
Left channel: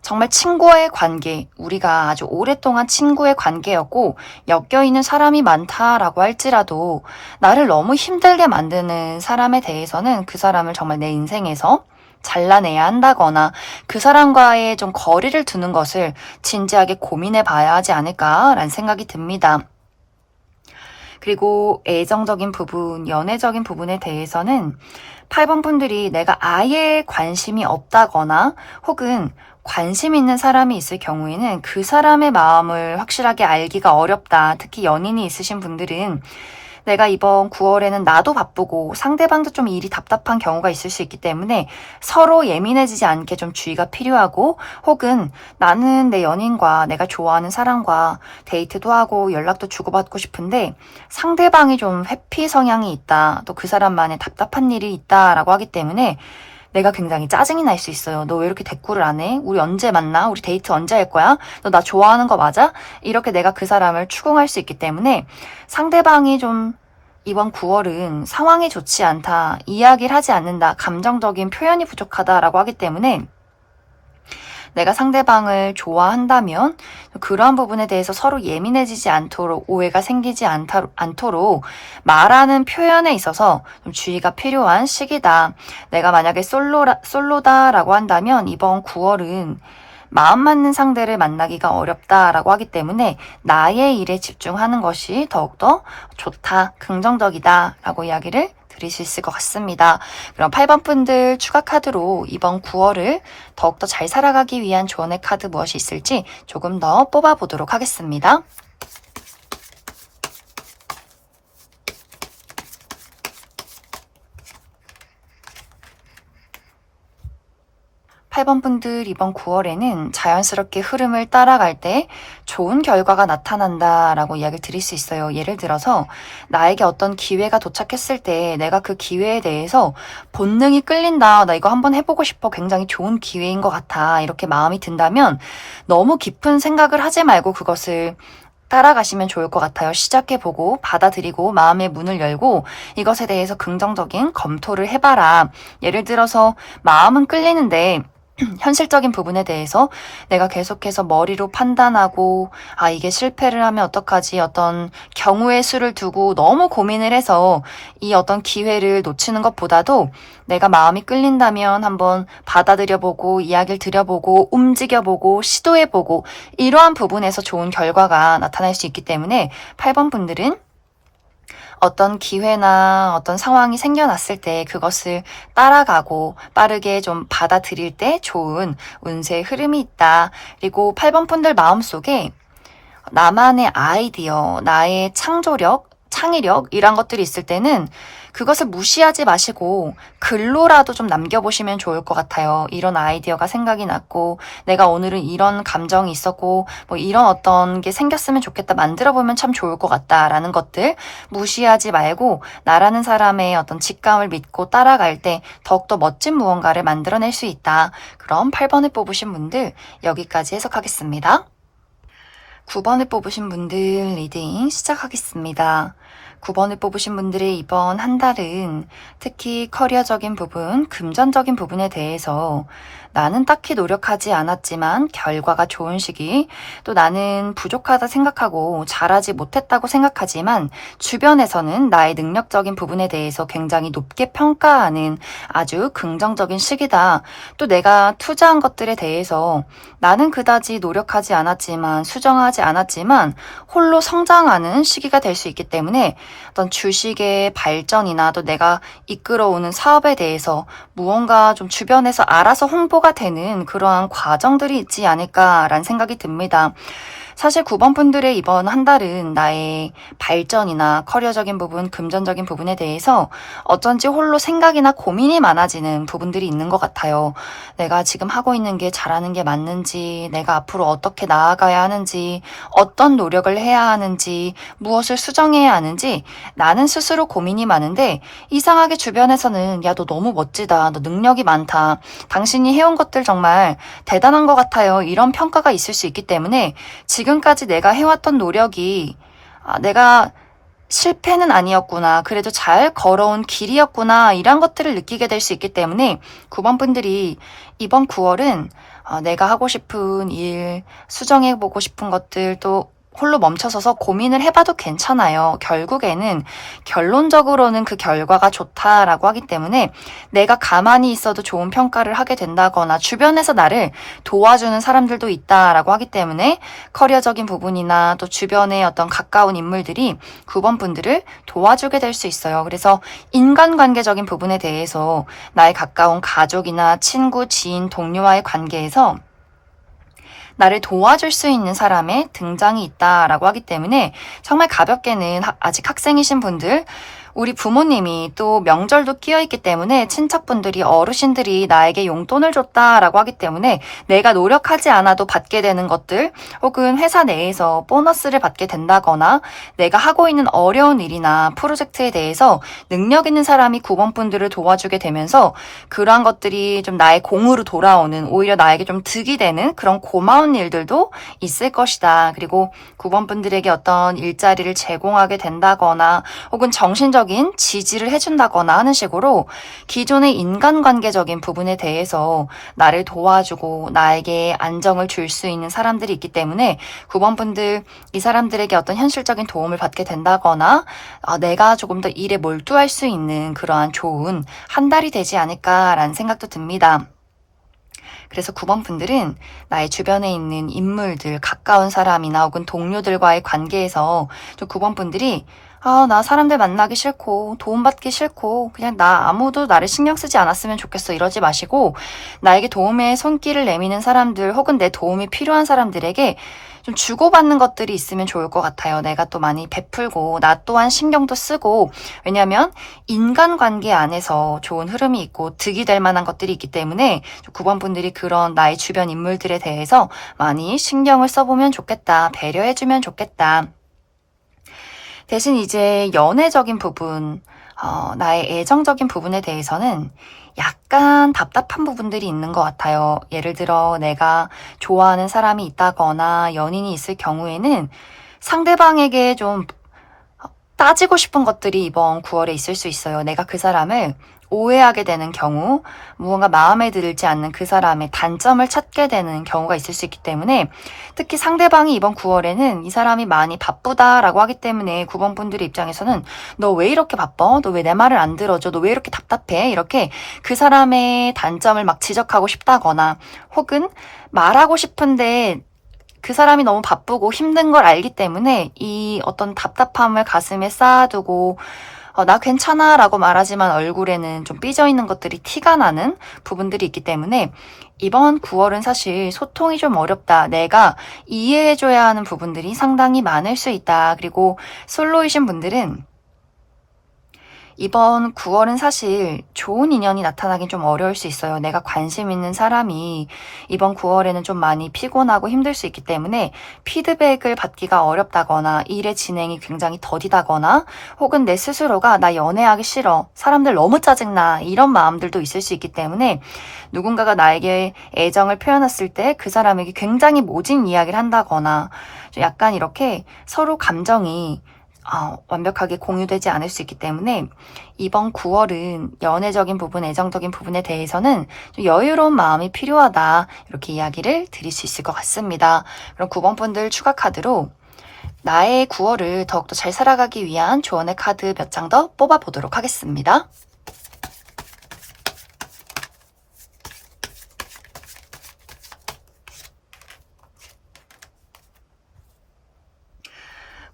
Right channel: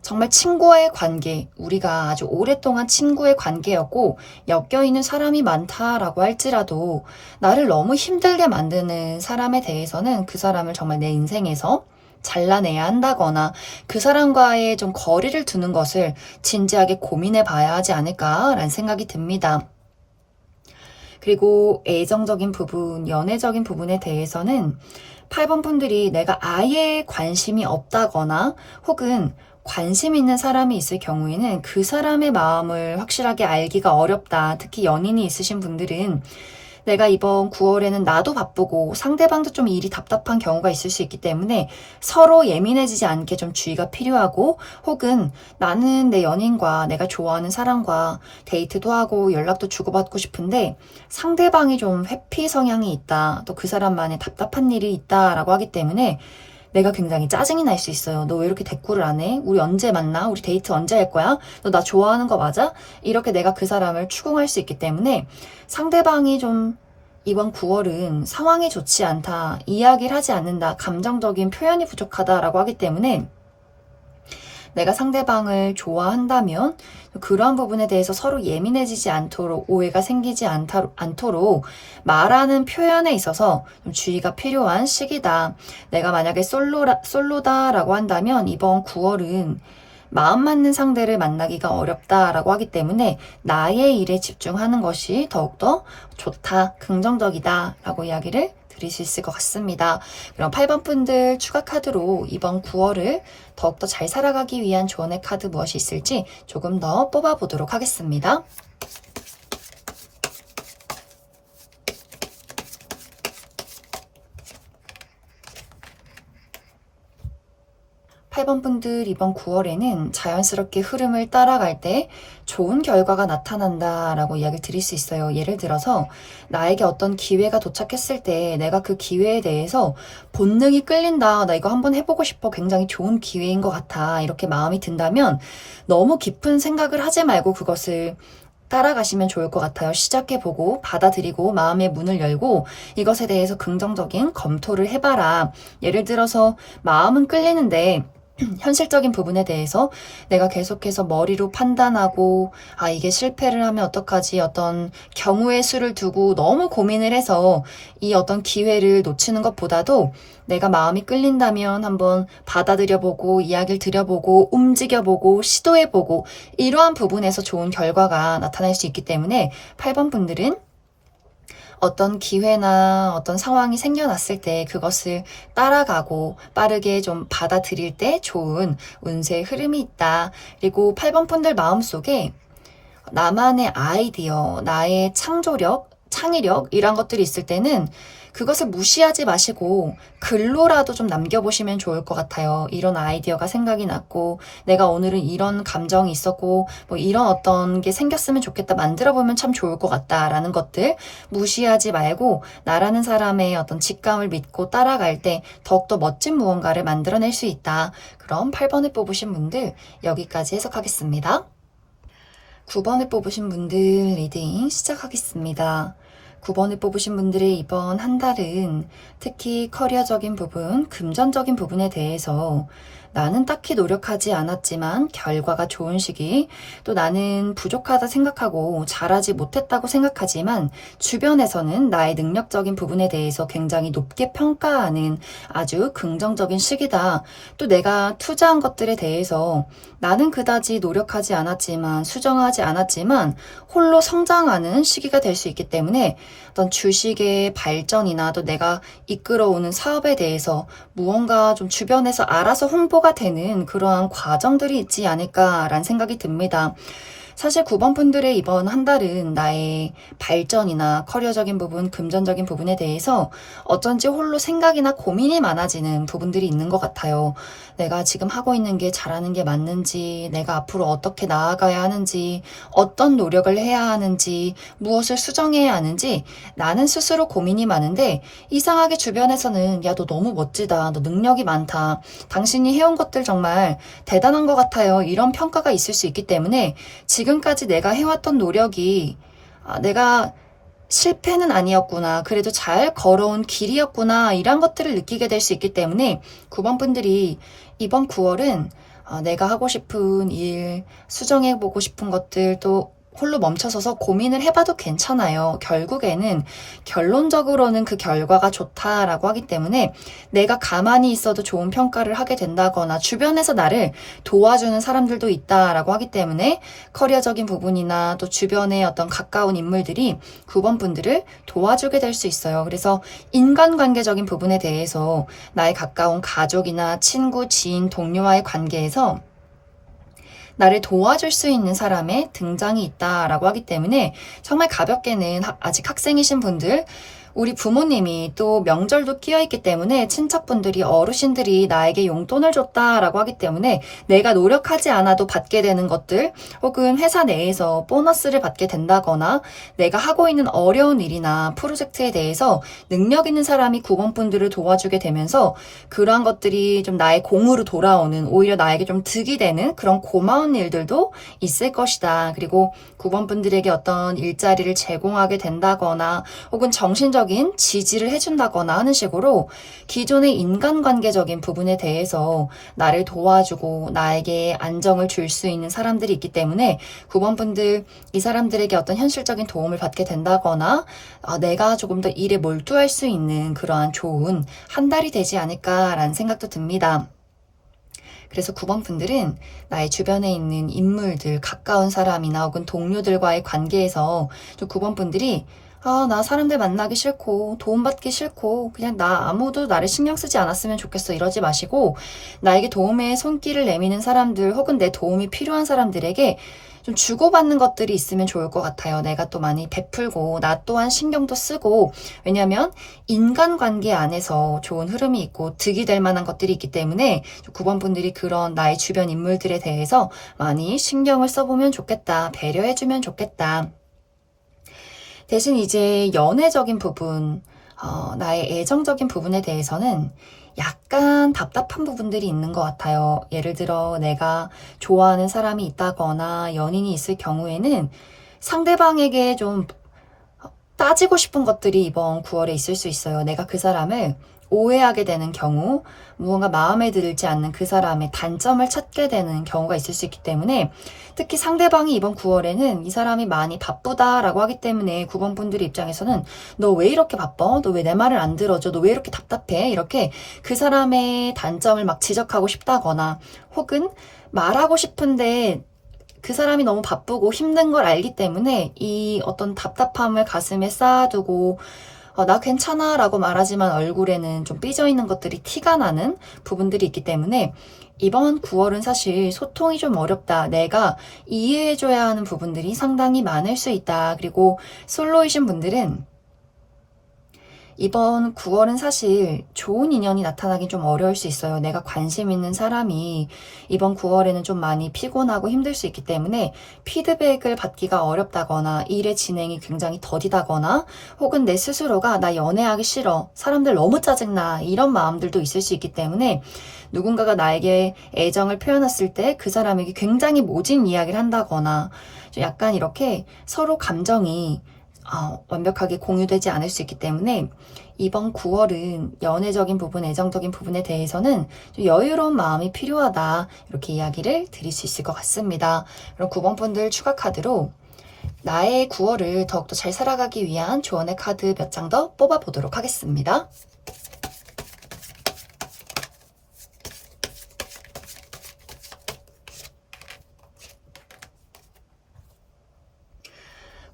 정말 친구와의 관계, 우리가 아주 오랫동안 친구의 관계였고 엮여있는 사람이 많다라고 할지라도 나를 너무 힘들게 만드는 사람에 대해서는 그 사람을 정말 내 인생에서 잘라내야 한다거나 그 사람과의 좀 거리를 두는 것을 진지하게 고민해 봐야 하지 않을까라는 생각이 듭니다. 그리고 애정적인 부분, 연애적인 부분에 대해서는 8번 분들이 내가 아예 관심이 없다거나 혹은 관심 있는 사람이 있을 경우에는 그 사람의 마음을 확실하게 알기가 어렵다. 특히 연인이 있으신 분들은 내가 이번 9월에는 나도 바쁘고 상대방도 좀 일이 답답한 경우가 있을 수 있기 때문에 서로 예민해지지 않게 좀 주의가 필요하고 혹은 나는 내 연인과 내가 좋아하는 사람과 데이트도 하고 연락도 주고받고 싶은데 상대방이 좀 회피 성향이 있다. 또 그 사람만의 답답한 일이 있다라고 하기 때문에 내가 굉장히 짜증이 날 수 있어요. 너 왜 이렇게 대꾸를 안 해? 우리 언제 만나? 우리 데이트 언제 할 거야? 너 나 좋아하는 거 맞아? 이렇게 내가 그 사람을 추궁할 수 있기 때문에 상대방이 좀 이번 9월은 상황이 좋지 않다, 이야기를 하지 않는다, 감정적인 표현이 부족하다라고 하기 때문에 내가 상대방을 좋아한다면 그러한 부분에 대해서 서로 예민해지지 않도록, 오해가 생기지 않도록 말하는 표현에 있어서 좀 주의가 필요한 시기다. 내가 만약에 솔로다라고 한다면 이번 9월은 마음 맞는 상대를 만나기가 어렵다라고 하기 때문에 나의 일에 집중하는 것이 더욱더 좋다, 긍정적이다라고 이야기를 드릴 수 있을 것 같습니다. 그럼 8번 분들 추가 카드로 이번 9월을 더욱더 잘 살아가기 위한 조언의 카드 무엇이 있을지 조금 더 뽑아보도록 하겠습니다. 8번 분들 이번 9월에는 자연스럽게 흐름을 따라갈 때 좋은 결과가 나타난다 라고 이야기를 드릴 수 있어요. 예를 들어서 나에게 어떤 기회가 도착했을 때 내가 그 기회에 대해서 본능이 끌린다. 나 이거 한번 해보고 싶어. 굉장히 좋은 기회인 것 같아. 이렇게 마음이 든다면 너무 깊은 생각을 하지 말고 그것을 따라가시면 좋을 것 같아요. 시작해보고 받아들이고 마음의 문을 열고 이것에 대해서 긍정적인 검토를 해봐라. 예를 들어서 마음은 끌리는데 현실적인 부분에 대해서 내가 계속해서 머리로 판단하고 이게 실패를 하면 어떡하지, 어떤 경우의 수를 두고 너무 고민을 해서 이 어떤 기회를 놓치는 것보다도 내가 마음이 끌린다면 한번 받아들여보고 이야기를 들여보고 움직여보고 시도해보고 이러한 부분에서 좋은 결과가 나타날 수 있기 때문에 8번 분들은 어떤 기회나 어떤 상황이 생겨났을 때 그것을 따라가고 빠르게 좀 받아들일 때 좋은 운세의 흐름이 있다. 그리고 8번 분들 마음속에 나만의 아이디어, 나의 창조력, 창의력 이런 것들이 있을 때는 그것을 무시하지 마시고 글로라도 좀 남겨보시면 좋을 것 같아요. 이런 아이디어가 생각이 났고 내가 오늘은 이런 감정이 있었고 뭐 이런 어떤 게 생겼으면 좋겠다, 만들어보면 참 좋을 것 같다라는 것들 무시하지 말고 나라는 사람의 어떤 직감을 믿고 따라갈 때 더욱더 멋진 무언가를 만들어낼 수 있다. 그럼 8번을 뽑으신 분들 여기까지 해석하겠습니다. 9번을 뽑으신 분들 리딩 시작하겠습니다. 9번을 뽑으신 분들의 이번 한 달은 특히 커리어적인 부분, 금전적인 부분에 대해서 나는 딱히 노력하지 않았지만 결과가 좋은 시기, 또 나는 부족하다 생각하고 잘하지 못했다고 생각하지만 주변에서는 나의 능력적인 부분에 대해서 굉장히 높게 평가하는 아주 긍정적인 시기다. 또 내가 투자한 것들에 대해서 나는 그다지 노력하지 않았지만 수정하지 않았지만 홀로 성장하는 시기가 될 수 있기 때문에 어떤 주식의 발전이나 또 내가 이끌어오는 사업에 대해서 무언가 좀 주변에서 알아서 홍보가 되는 그러한 과정들이 있지 않을까라는 생각이 듭니다. 사실 9번 분들의 이번 한 달은 나의 발전이나 커리어적인 부분, 금전적인 부분에 대해서 어쩐지 홀로 생각이나 고민이 많아지는 부분들이 있는 것 같아요. 내가 지금 하고 있는 게 잘하는 게 맞는지, 내가 앞으로 어떻게 나아가야 하는지, 어떤 노력을 해야 하는지, 무엇을 수정해야 하는지 나는 스스로 고민이 많은데 이상하게 주변에서는 야, 너 너무 멋지다. 너 능력이 많다. 당신이 해온 것들 정말 대단한 것 같아요. 이런 평가가 있을 수 있기 때문에 지금까지 내가 해왔던 노력이 내가 실패는 아니었구나. 그래도 잘 걸어온 길이었구나. 이런 것들을 느끼게 될 수 있기 때문에 9번 분들이 이번 9월은 내가 하고 싶은 일, 수정해보고 싶은 것들 또 홀로 멈춰서서 고민을 해봐도 괜찮아요. 결국에는 결론적으로는 그 결과가 좋다라고 하기 때문에 내가 가만히 있어도 좋은 평가를 하게 된다거나 주변에서 나를 도와주는 사람들도 있다라고 하기 때문에 커리어적인 부분이나 또 주변의 어떤 가까운 인물들이 9번 분들을 도와주게 될 수 있어요. 그래서 인간관계적인 부분에 대해서 나의 가까운 가족이나 친구, 지인, 동료와의 관계에서 나를 도와줄 수 있는 사람의 등장이 있다라고 하기 때문에 정말 가볍게는 아직 학생이신 분들 우리 부모님이 또 명절도 끼어있기 때문에 친척분들이 어르신들이 나에게 용돈을 줬다라고 하기 때문에 내가 노력하지 않아도 받게 되는 것들 혹은 회사 내에서 보너스를 받게 된다거나 내가 하고 있는 어려운 일이나 프로젝트에 대해서 능력 있는 사람이 9번분들을 도와주게 되면서 그러한 것들이 좀 나의 공으로 돌아오는 오히려 나에게 좀 득이 되는 그런 고마운 일들도 있을 것이다. 그리고 9번분들에게 어떤 일자리를 제공하게 된다거나 혹은 정신적인 지지를 해준다거나 하는 식으로 기존의 인간관계적인 부분에 대해서 나를 도와주고 나에게 안정을 줄 수 있는 사람들이 있기 때문에 9번분들 이 사람들에게 어떤 현실적인 도움을 받게 된다거나 내가 조금 더 일에 몰두할 수 있는 그러한 좋은 한 달이 되지 않을까라는 생각도 듭니다. 그래서 9번분들은 나의 주변에 있는 인물들, 가까운 사람이나 혹은 동료들과의 관계에서 좀 9번분들이 나 사람들 만나기 싫고 도움받기 싫고 그냥 나 아무도 나를 신경 쓰지 않았으면 좋겠어 이러지 마시고 나에게 도움의 손길을 내미는 사람들 혹은 내 도움이 필요한 사람들에게 좀 주고받는 것들이 있으면 좋을 것 같아요. 내가 또 많이 베풀고 나 또한 신경도 쓰고 왜냐하면 인간관계 안에서 좋은 흐름이 있고 득이 될 만한 것들이 있기 때문에 9번분들이 그런 나의 주변 인물들에 대해서 많이 신경을 써보면 좋겠다. 배려해주면 좋겠다. 대신 이제 연애적인 부분, 나의 애정적인 부분에 대해서는 약간 답답한 부분들이 있는 것 같아요. 예를 들어 내가 좋아하는 사람이 있다거나 연인이 있을 경우에는 상대방에게 좀 따지고 싶은 것들이 이번 9월에 있을 수 있어요. 내가 그 사람을 오해하게 되는 경우, 무언가 마음에 들지 않는 그 사람의 단점을 찾게 되는 경우가 있을 수 있기 때문에 특히 상대방이 이번 9월에는 이 사람이 많이 바쁘다라고 하기 때문에 9번분들의 입장에서는 너 왜 이렇게 바빠? 너 왜 내 말을 안 들어줘? 너 왜 이렇게 답답해? 이렇게 그 사람의 단점을 막 지적하고 싶다거나 혹은 말하고 싶은데 그 사람이 너무 바쁘고 힘든 걸 알기 때문에 이 어떤 답답함을 가슴에 쌓아두고 나 괜찮아 라고 말하지만 얼굴에는 좀 삐져있는 것들이 티가 나는 부분들이 있기 때문에 이번 9월은 사실 소통이 좀 어렵다. 내가 이해해줘야 하는 부분들이 상당히 많을 수 있다. 그리고 솔로이신 분들은 이번 9월은 사실 좋은 인연이 나타나긴 좀 어려울 수 있어요. 내가 관심 있는 사람이 이번 9월에는 좀 많이 피곤하고 힘들 수 있기 때문에 피드백을 받기가 어렵다거나 일의 진행이 굉장히 더디다거나 혹은 내 스스로가 나 연애하기 싫어. 사람들 너무 짜증나. 이런 마음들도 있을 수 있기 때문에 누군가가 나에게 애정을 표현했을 때 그 사람에게 굉장히 모진 이야기를 한다거나 약간 이렇게 서로 감정이 완벽하게 공유되지 않을 수 있기 때문에 이번 9월은 연애적인 부분, 애정적인 부분에 대해서는 좀 여유로운 마음이 필요하다. 이렇게 이야기를 드릴 수 있을 것 같습니다. 그럼 9번분들 추가 카드로 나의 9월을 더욱더 잘 살아가기 위한 조언의 카드 몇 장 더 뽑아보도록 하겠습니다.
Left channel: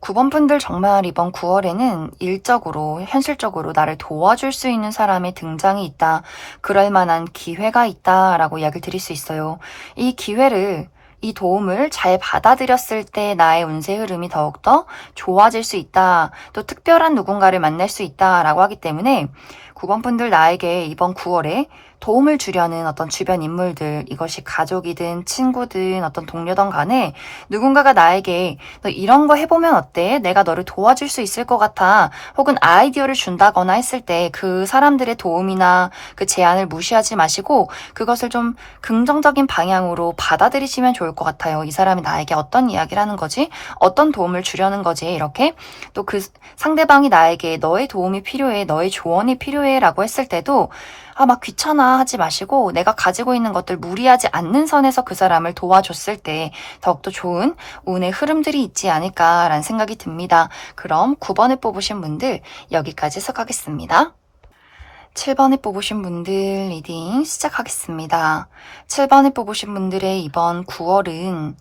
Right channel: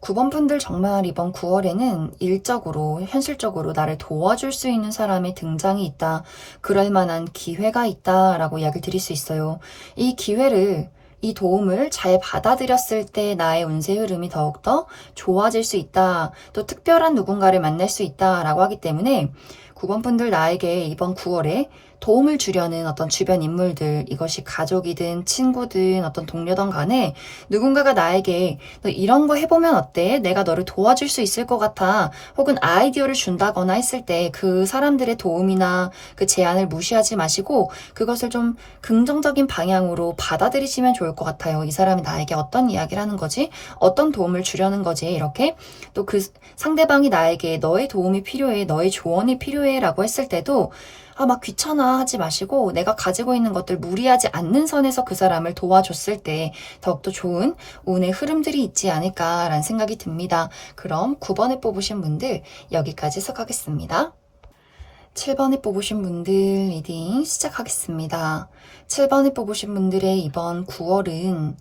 9번분들 정말 이번 9월에는 일적으로, 현실적으로 나를 도와줄 수 있는 사람의 등장이 있다. 그럴 만한 기회가 있다라고 이야기를 드릴 수 있어요. 이 기회를, 이 도움을 잘 받아들였을 때 나의 운세 흐름이 더욱더 좋아질 수 있다. 또 특별한 누군가를 만날 수 있다라고 하기 때문에 9번분들 나에게 이번 9월에 도움을 주려는 어떤 주변 인물들, 이것이 가족이든 친구든 어떤 동료든 간에 누군가가 나에게 너 이런 거 해보면 어때? 내가 너를 도와줄 수 있을 것 같아. 혹은 아이디어를 준다거나 했을 때 그 사람들의 도움이나 그 제안을 무시하지 마시고 그것을 좀 긍정적인 방향으로 받아들이시면 좋을 것 같아요. 이 사람이 나에게 어떤 이야기를 하는 거지? 어떤 도움을 주려는 거지? 이렇게 또 그 상대방이 나에게 너의 도움이 필요해, 너의 조언이 필요해 라고 했을 때도 막 귀찮아 하지 마시고 내가 가지고 있는 것들 무리하지 않는 선에서 그 사람을 도와줬을 때 더욱더 좋은 운의 흐름들이 있지 않을까라는 생각이 듭니다. 그럼 9번을 뽑으신 분들 여기까지 해석하겠습니다. 7번을 뽑으신 분들 리딩 시작하겠습니다. 7번을 뽑으신 분들의 이번 9월은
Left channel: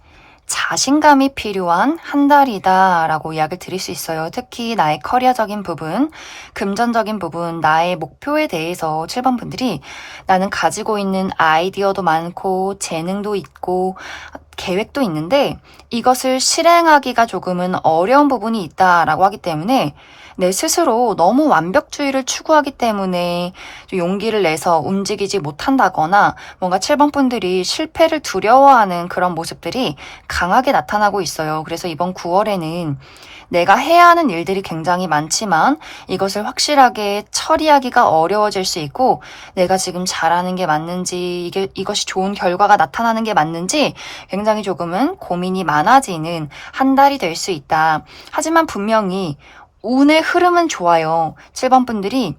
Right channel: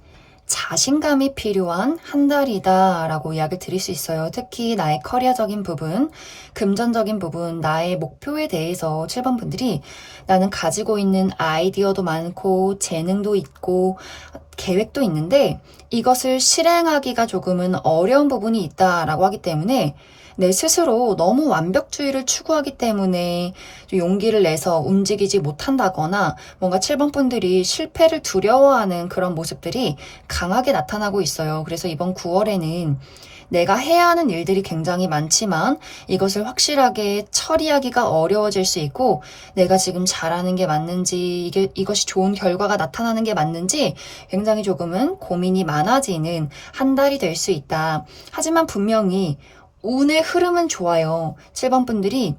자신감이 필요한 한 달이다 라고 이야기를 드릴 수 있어요. 특히 나의 커리어적인 부분, 금전적인 부분, 나의 목표에 대해서 7번 분들이 나는 가지고 있는 아이디어도 많고 재능도 있고 계획도 있는데 이것을 실행하기가 조금은 어려운 부분이 있다라고 하기 때문에 내 스스로 너무 완벽주의를 추구하기 때문에 좀 용기를 내서 움직이지 못한다거나 뭔가 7번 분들이 실패를 두려워하는 그런 모습들이 강하게 나타나고 있어요. 그래서 이번 9월에는 내가 해야 하는 일들이 굉장히 많지만 이것을 확실하게 처리하기가 어려워질 수 있고 내가 지금 잘하는 게 맞는지 이것이 좋은 결과가 나타나는 게 맞는지 굉장히 조금은 고민이 많아지는 한 달이 될 수 있다. 하지만 분명히 운의 흐름은 좋아요. 7번 분들이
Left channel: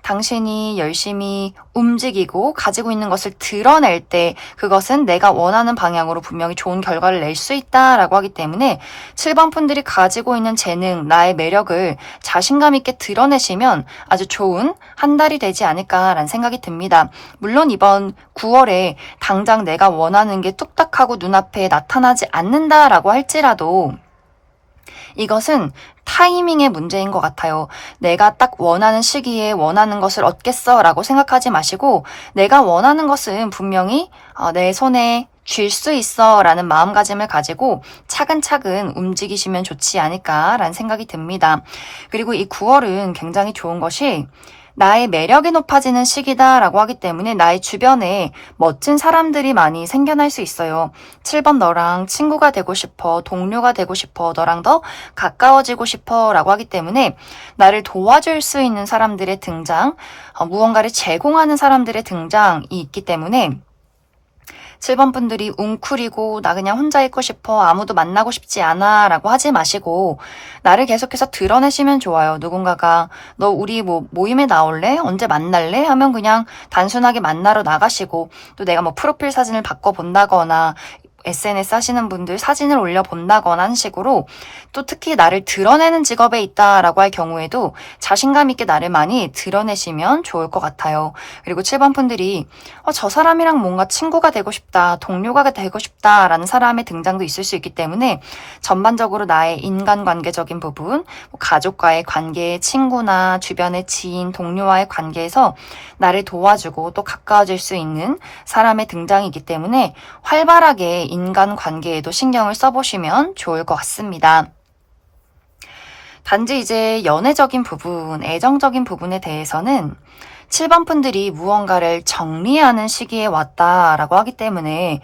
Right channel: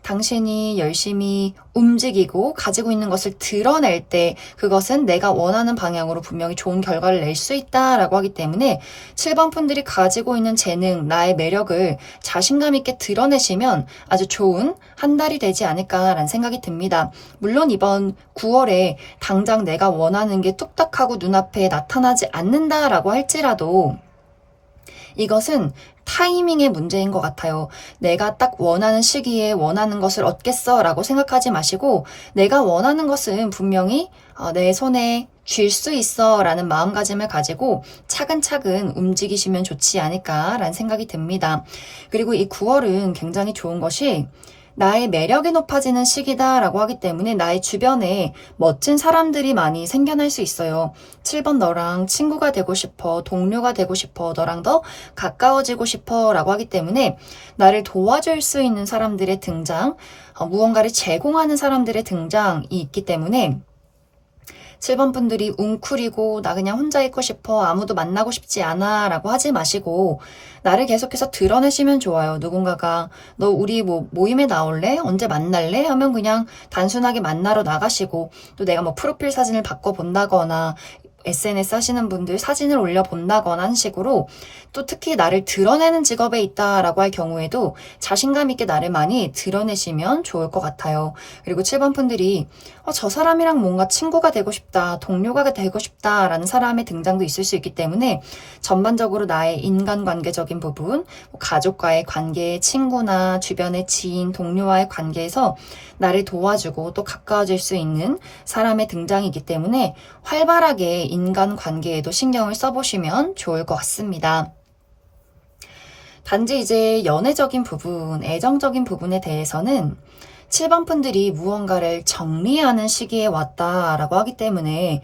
당신이 열심히 움직이고 가지고 있는 것을 드러낼 때 그것은 내가 원하는 방향으로 분명히 좋은 결과를 낼 수 있다라고 하기 때문에 7번 분들이 가지고 있는 재능, 나의 매력을 자신감 있게 드러내시면 아주 좋은 한 달이 되지 않을까라는 생각이 듭니다. 물론 이번 9월에 당장 내가 원하는 게 뚝딱하고 눈앞에 나타나지 않는다라고 할지라도 이것은 타이밍의 문제인 것 같아요. 내가 딱 원하는 시기에 원하는 것을 얻겠어 라고 생각하지 마시고 내가 원하는 것은 분명히 내 손에 쥘 수 있어 라는 마음가짐을 가지고 차근차근 움직이시면 좋지 않을까라는 생각이 듭니다. 그리고 이 9월은 굉장히 좋은 것이 나의 매력이 높아지는 시기다라고 하기 때문에 나의 주변에 멋진 사람들이 많이 생겨날 수 있어요. 7번 너랑 친구가 되고 싶어, 동료가 되고 싶어, 너랑 더 가까워지고 싶어 라고 하기 때문에 나를 도와줄 수 있는 사람들의 등장, 무언가를 제공하는 사람들의 등장이 있기 때문에 7번 분들이 웅크리고 나 그냥 혼자 있고 싶어 아무도 만나고 싶지 않아 라고 하지 마시고 나를 계속해서 드러내시면 좋아요. 누군가가 너 우리 모임에 나올래? 언제 만날래? 하면 그냥 단순하게 만나러 나가시고 또 내가 프로필 사진을 바꿔본다거나 SNS 하시는 분들 사진을 올려본다거나 하는 식으로 또 특히 나를 드러내는 직업에 있다라고 할 경우에도 자신감 있게 나를 많이 드러내시면 좋을 것 같아요. 그리고 7번 분들이 저 사람이랑 뭔가 친구가 되고 싶다, 동료가 되고 싶다라는 사람의 등장도 있을 수 있기 때문에 전반적으로 나의 인간관계적인 부분, 가족과의 관계, 친구나 주변의 지인, 동료와의 관계에서 나를 도와주고 또 가까워질 수 있는 사람의 등장이기 때문에 활발하게 인간관계에도 신경을 써보시면 좋을 것 같습니다. 단지 이제 연애적인 부분, 애정적인 부분에 대해서는 7번 분들이 무언가를 정리하는 시기에 왔다라고 하기 때문에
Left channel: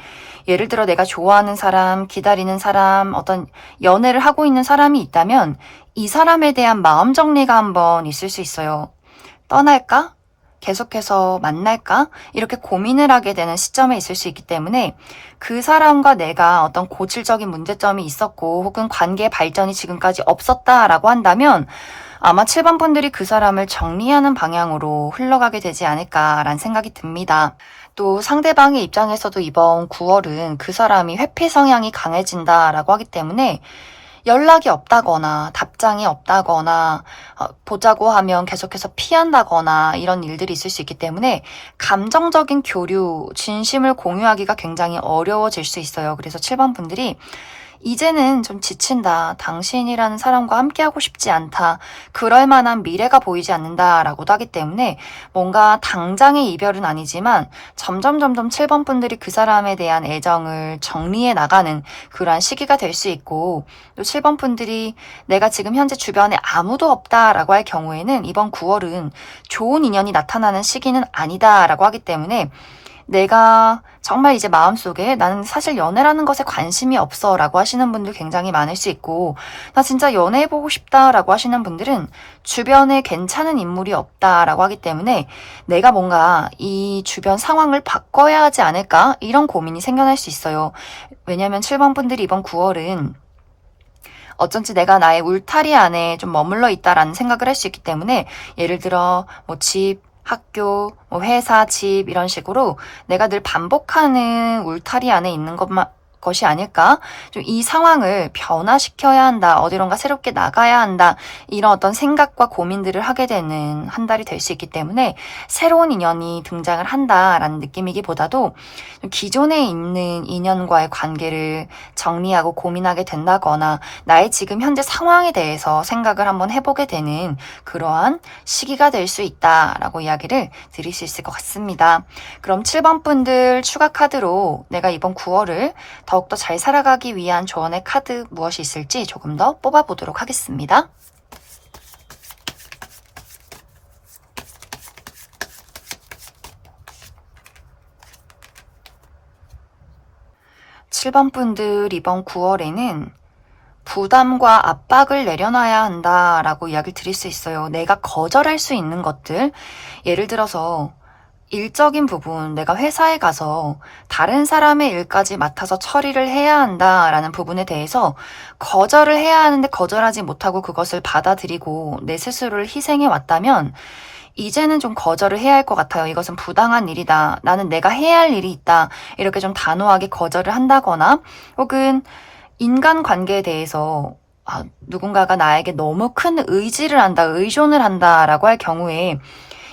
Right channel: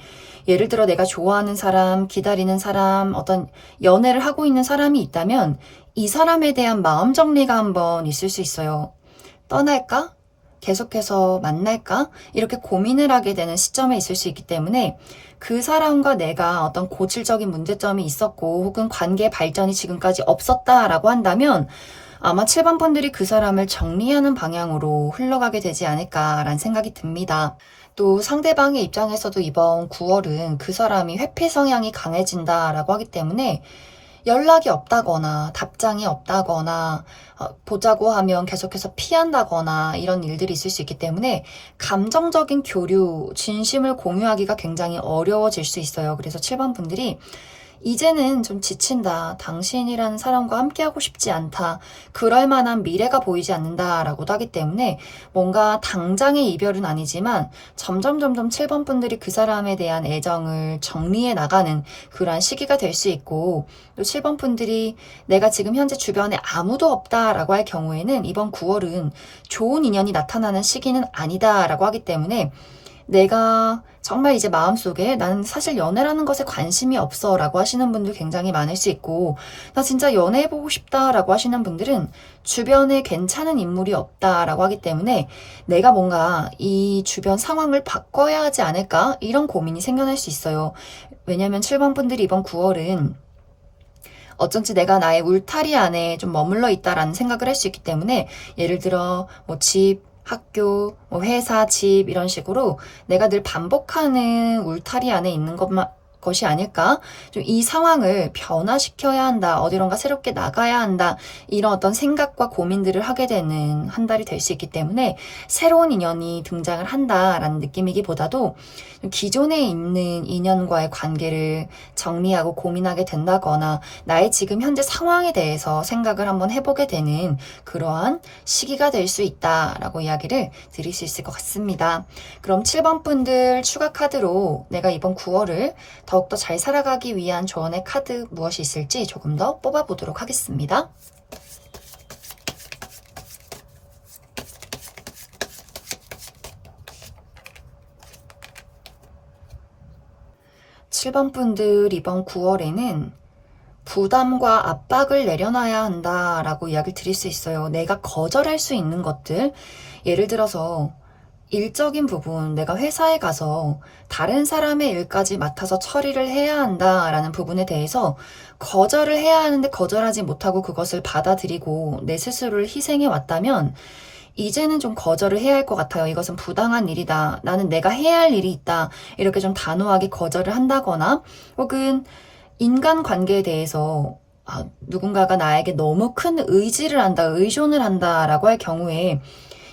예를 들어 내가 좋아하는 사람, 기다리는 사람, 어떤 연애를 하고 있는 사람이 있다면 이 사람에 대한 마음 정리가 한번 있을 수 있어요. 떠날까? 계속해서 만날까? 이렇게 고민을 하게 되는 시점에 있을 수 있기 때문에 그 사람과 내가 어떤 고질적인 문제점이 있었고 혹은 관계 발전이 지금까지 없었다라고 한다면 아마 7번 분들이 그 사람을 정리하는 방향으로 흘러가게 되지 않을까라는 생각이 듭니다. 또 상대방의 입장에서도 이번 9월은 그 사람이 회피 성향이 강해진다라고 하기 때문에 연락이 없다거나 답장이 없다거나 보자고 하면 계속해서 피한다거나 이런 일들이 있을 수 있기 때문에 감정적인 교류, 진심을 공유하기가 굉장히 어려워질 수 있어요. 그래서 7번 분들이 이제는 좀 지친다. 당신이라는 사람과 함께하고 싶지 않다. 그럴 만한 미래가 보이지 않는다라고도 하기 때문에 뭔가 당장의 이별은 아니지만 점점 7번 분들이 그 사람에 대한 애정을 정리해 나가는 그러한 시기가 될 수 있고 또 7번 분들이 내가 지금 현재 주변에 아무도 없다라고 할 경우에는 이번 9월은 좋은 인연이 나타나는 시기는 아니다라고 하기 때문에 내가 정말 이제 마음속에 나는 사실 연애라는 것에 관심이 없어 라고 하시는 분들 굉장히 많을 수 있고 나 진짜 연애해보고 싶다 라고 하시는 분들은 주변에 괜찮은 인물이 없다 라고 하기 때문에 내가 뭔가 이 주변 상황을 바꿔야 하지 않을까 이런 고민이 생겨날 수 있어요. 왜냐면 7번 분들이 이번 9월은 어쩐지 내가 나의 울타리 안에 좀 머물러 있다라는 생각을 할 수 있기 때문에 예를 들어 집, 학교, 회사, 집 이런 식으로 내가 늘 반복하는 울타리 안에 있는 것이 아닐까? 좀 이 상황을 변화시켜야 한다. 어디론가 새롭게 나가야 한다. 이런 어떤 생각과 고민들을 하게 되는 한 달이 될 수 있기 때문에 새로운 인연이 등장을 한다라는 느낌이기보다도 기존에 있는 인연과의 관계를 정리하고 고민하게 된다거나 나의 지금 현재 상황에 대해서 생각을 한번 해보게 되는 그러한 시기가 될 수 있다라고 이야기를 드릴 수 있을 것 같습니다. 그럼 7번 분들 추가 카드로 내가 이번 9월을 더 더욱더 잘 살아가기 위한 조언의 카드 무엇이 있을지 조금 더 뽑아보도록 하겠습니다. 7번 분들 이번 9월에는 부담과 압박을 내려놔야 한다라고 이야기를 드릴 수 있어요. 내가 거절할 수 있는 것들, 예를 들어서 일적인 부분, 내가 회사에 가서 다른 사람의 일까지 맡아서 처리를 해야 한다라는 부분에 대해서 거절을 해야 하는데 거절하지 못하고 그것을 받아들이고 내 스스로를 희생해 왔다면 이제는 좀 거절을 해야 할 것 같아요. 이것은 부당한 일이다. 나는 내가 해야 할 일이 있다. 이렇게 좀 단호하게 거절을 한다거나 혹은 인간관계에 대해서 누군가가 나에게 너무 큰 의지를 한다, 의존을 한다라고 할 경우에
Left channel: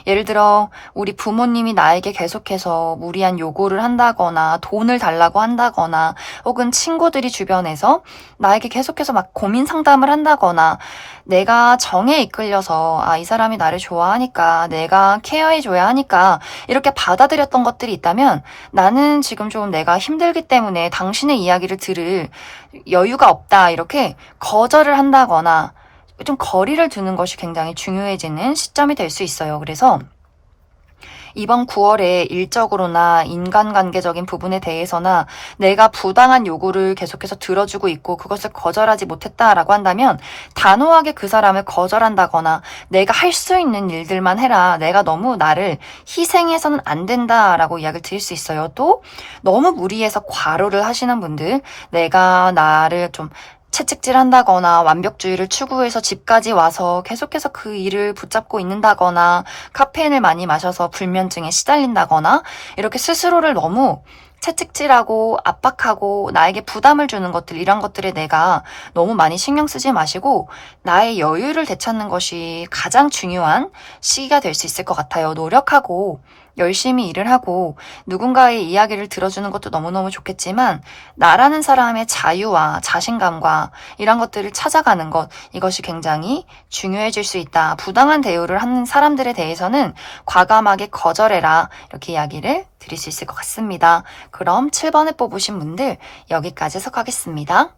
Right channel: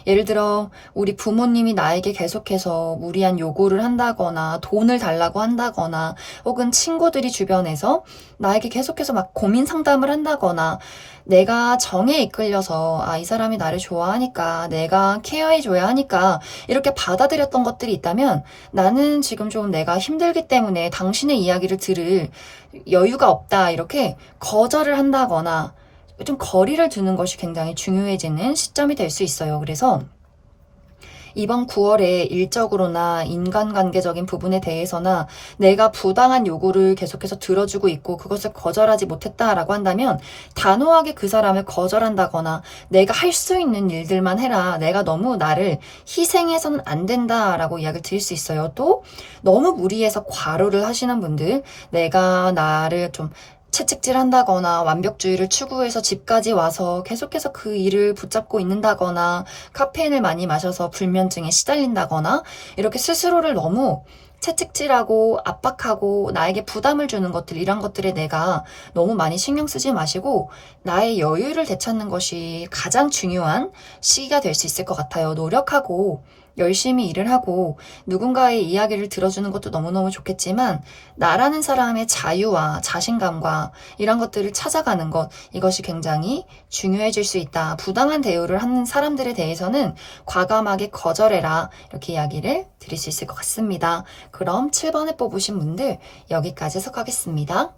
예를 들어 우리 부모님이 나에게 계속해서 무리한 요구를 한다거나 돈을 달라고 한다거나 혹은 친구들이 주변에서 나에게 계속해서 막 고민 상담을 한다거나 내가 정에 이끌려서 이 사람이 나를 좋아하니까 내가 케어해줘야 하니까 이렇게 받아들였던 것들이 있다면 나는 지금 좀 내가 힘들기 때문에 당신의 이야기를 들을 여유가 없다 이렇게 거절을 한다거나 좀 거리를 두는 것이 굉장히 중요해지는 시점이 될 수 있어요. 그래서 이번 9월에 일적으로나 인간관계적인 부분에 대해서나 내가 부당한 요구를 계속해서 들어주고 있고 그것을 거절하지 못했다라고 한다면 단호하게 그 사람을 거절한다거나 내가 할 수 있는 일들만 해라. 내가 너무 나를 희생해서는 안 된다라고 이야기를 드릴 수 있어요. 또 너무 무리해서 과로를 하시는 분들, 내가 나를 좀 채찍질 한다거나 완벽주의를 추구해서 집까지 와서 계속해서 그 일을 붙잡고 있는다거나 카페인을 많이 마셔서 불면증에 시달린다거나 이렇게 스스로를 너무 채찍질하고 압박하고 나에게 부담을 주는 것들 이런 것들에 내가 너무 많이 신경 쓰지 마시고 나의 여유를 되찾는 것이 가장 중요한 시기가 될 수 있을 것 같아요. 노력하고 열심히 일을 하고 누군가의 이야기를 들어주는 것도 너무너무 좋겠지만 나라는 사람의 자유와 자신감과 이런 것들을 찾아가는 것 이것이 굉장히 중요해질 수 있다. 부당한 대우를 하는 사람들에 대해서는 과감하게 거절해라. 이렇게 이야기를 드릴 수 있을 것 같습니다. 그럼 7번을 뽑으신 분들 여기까지 해석하겠습니다.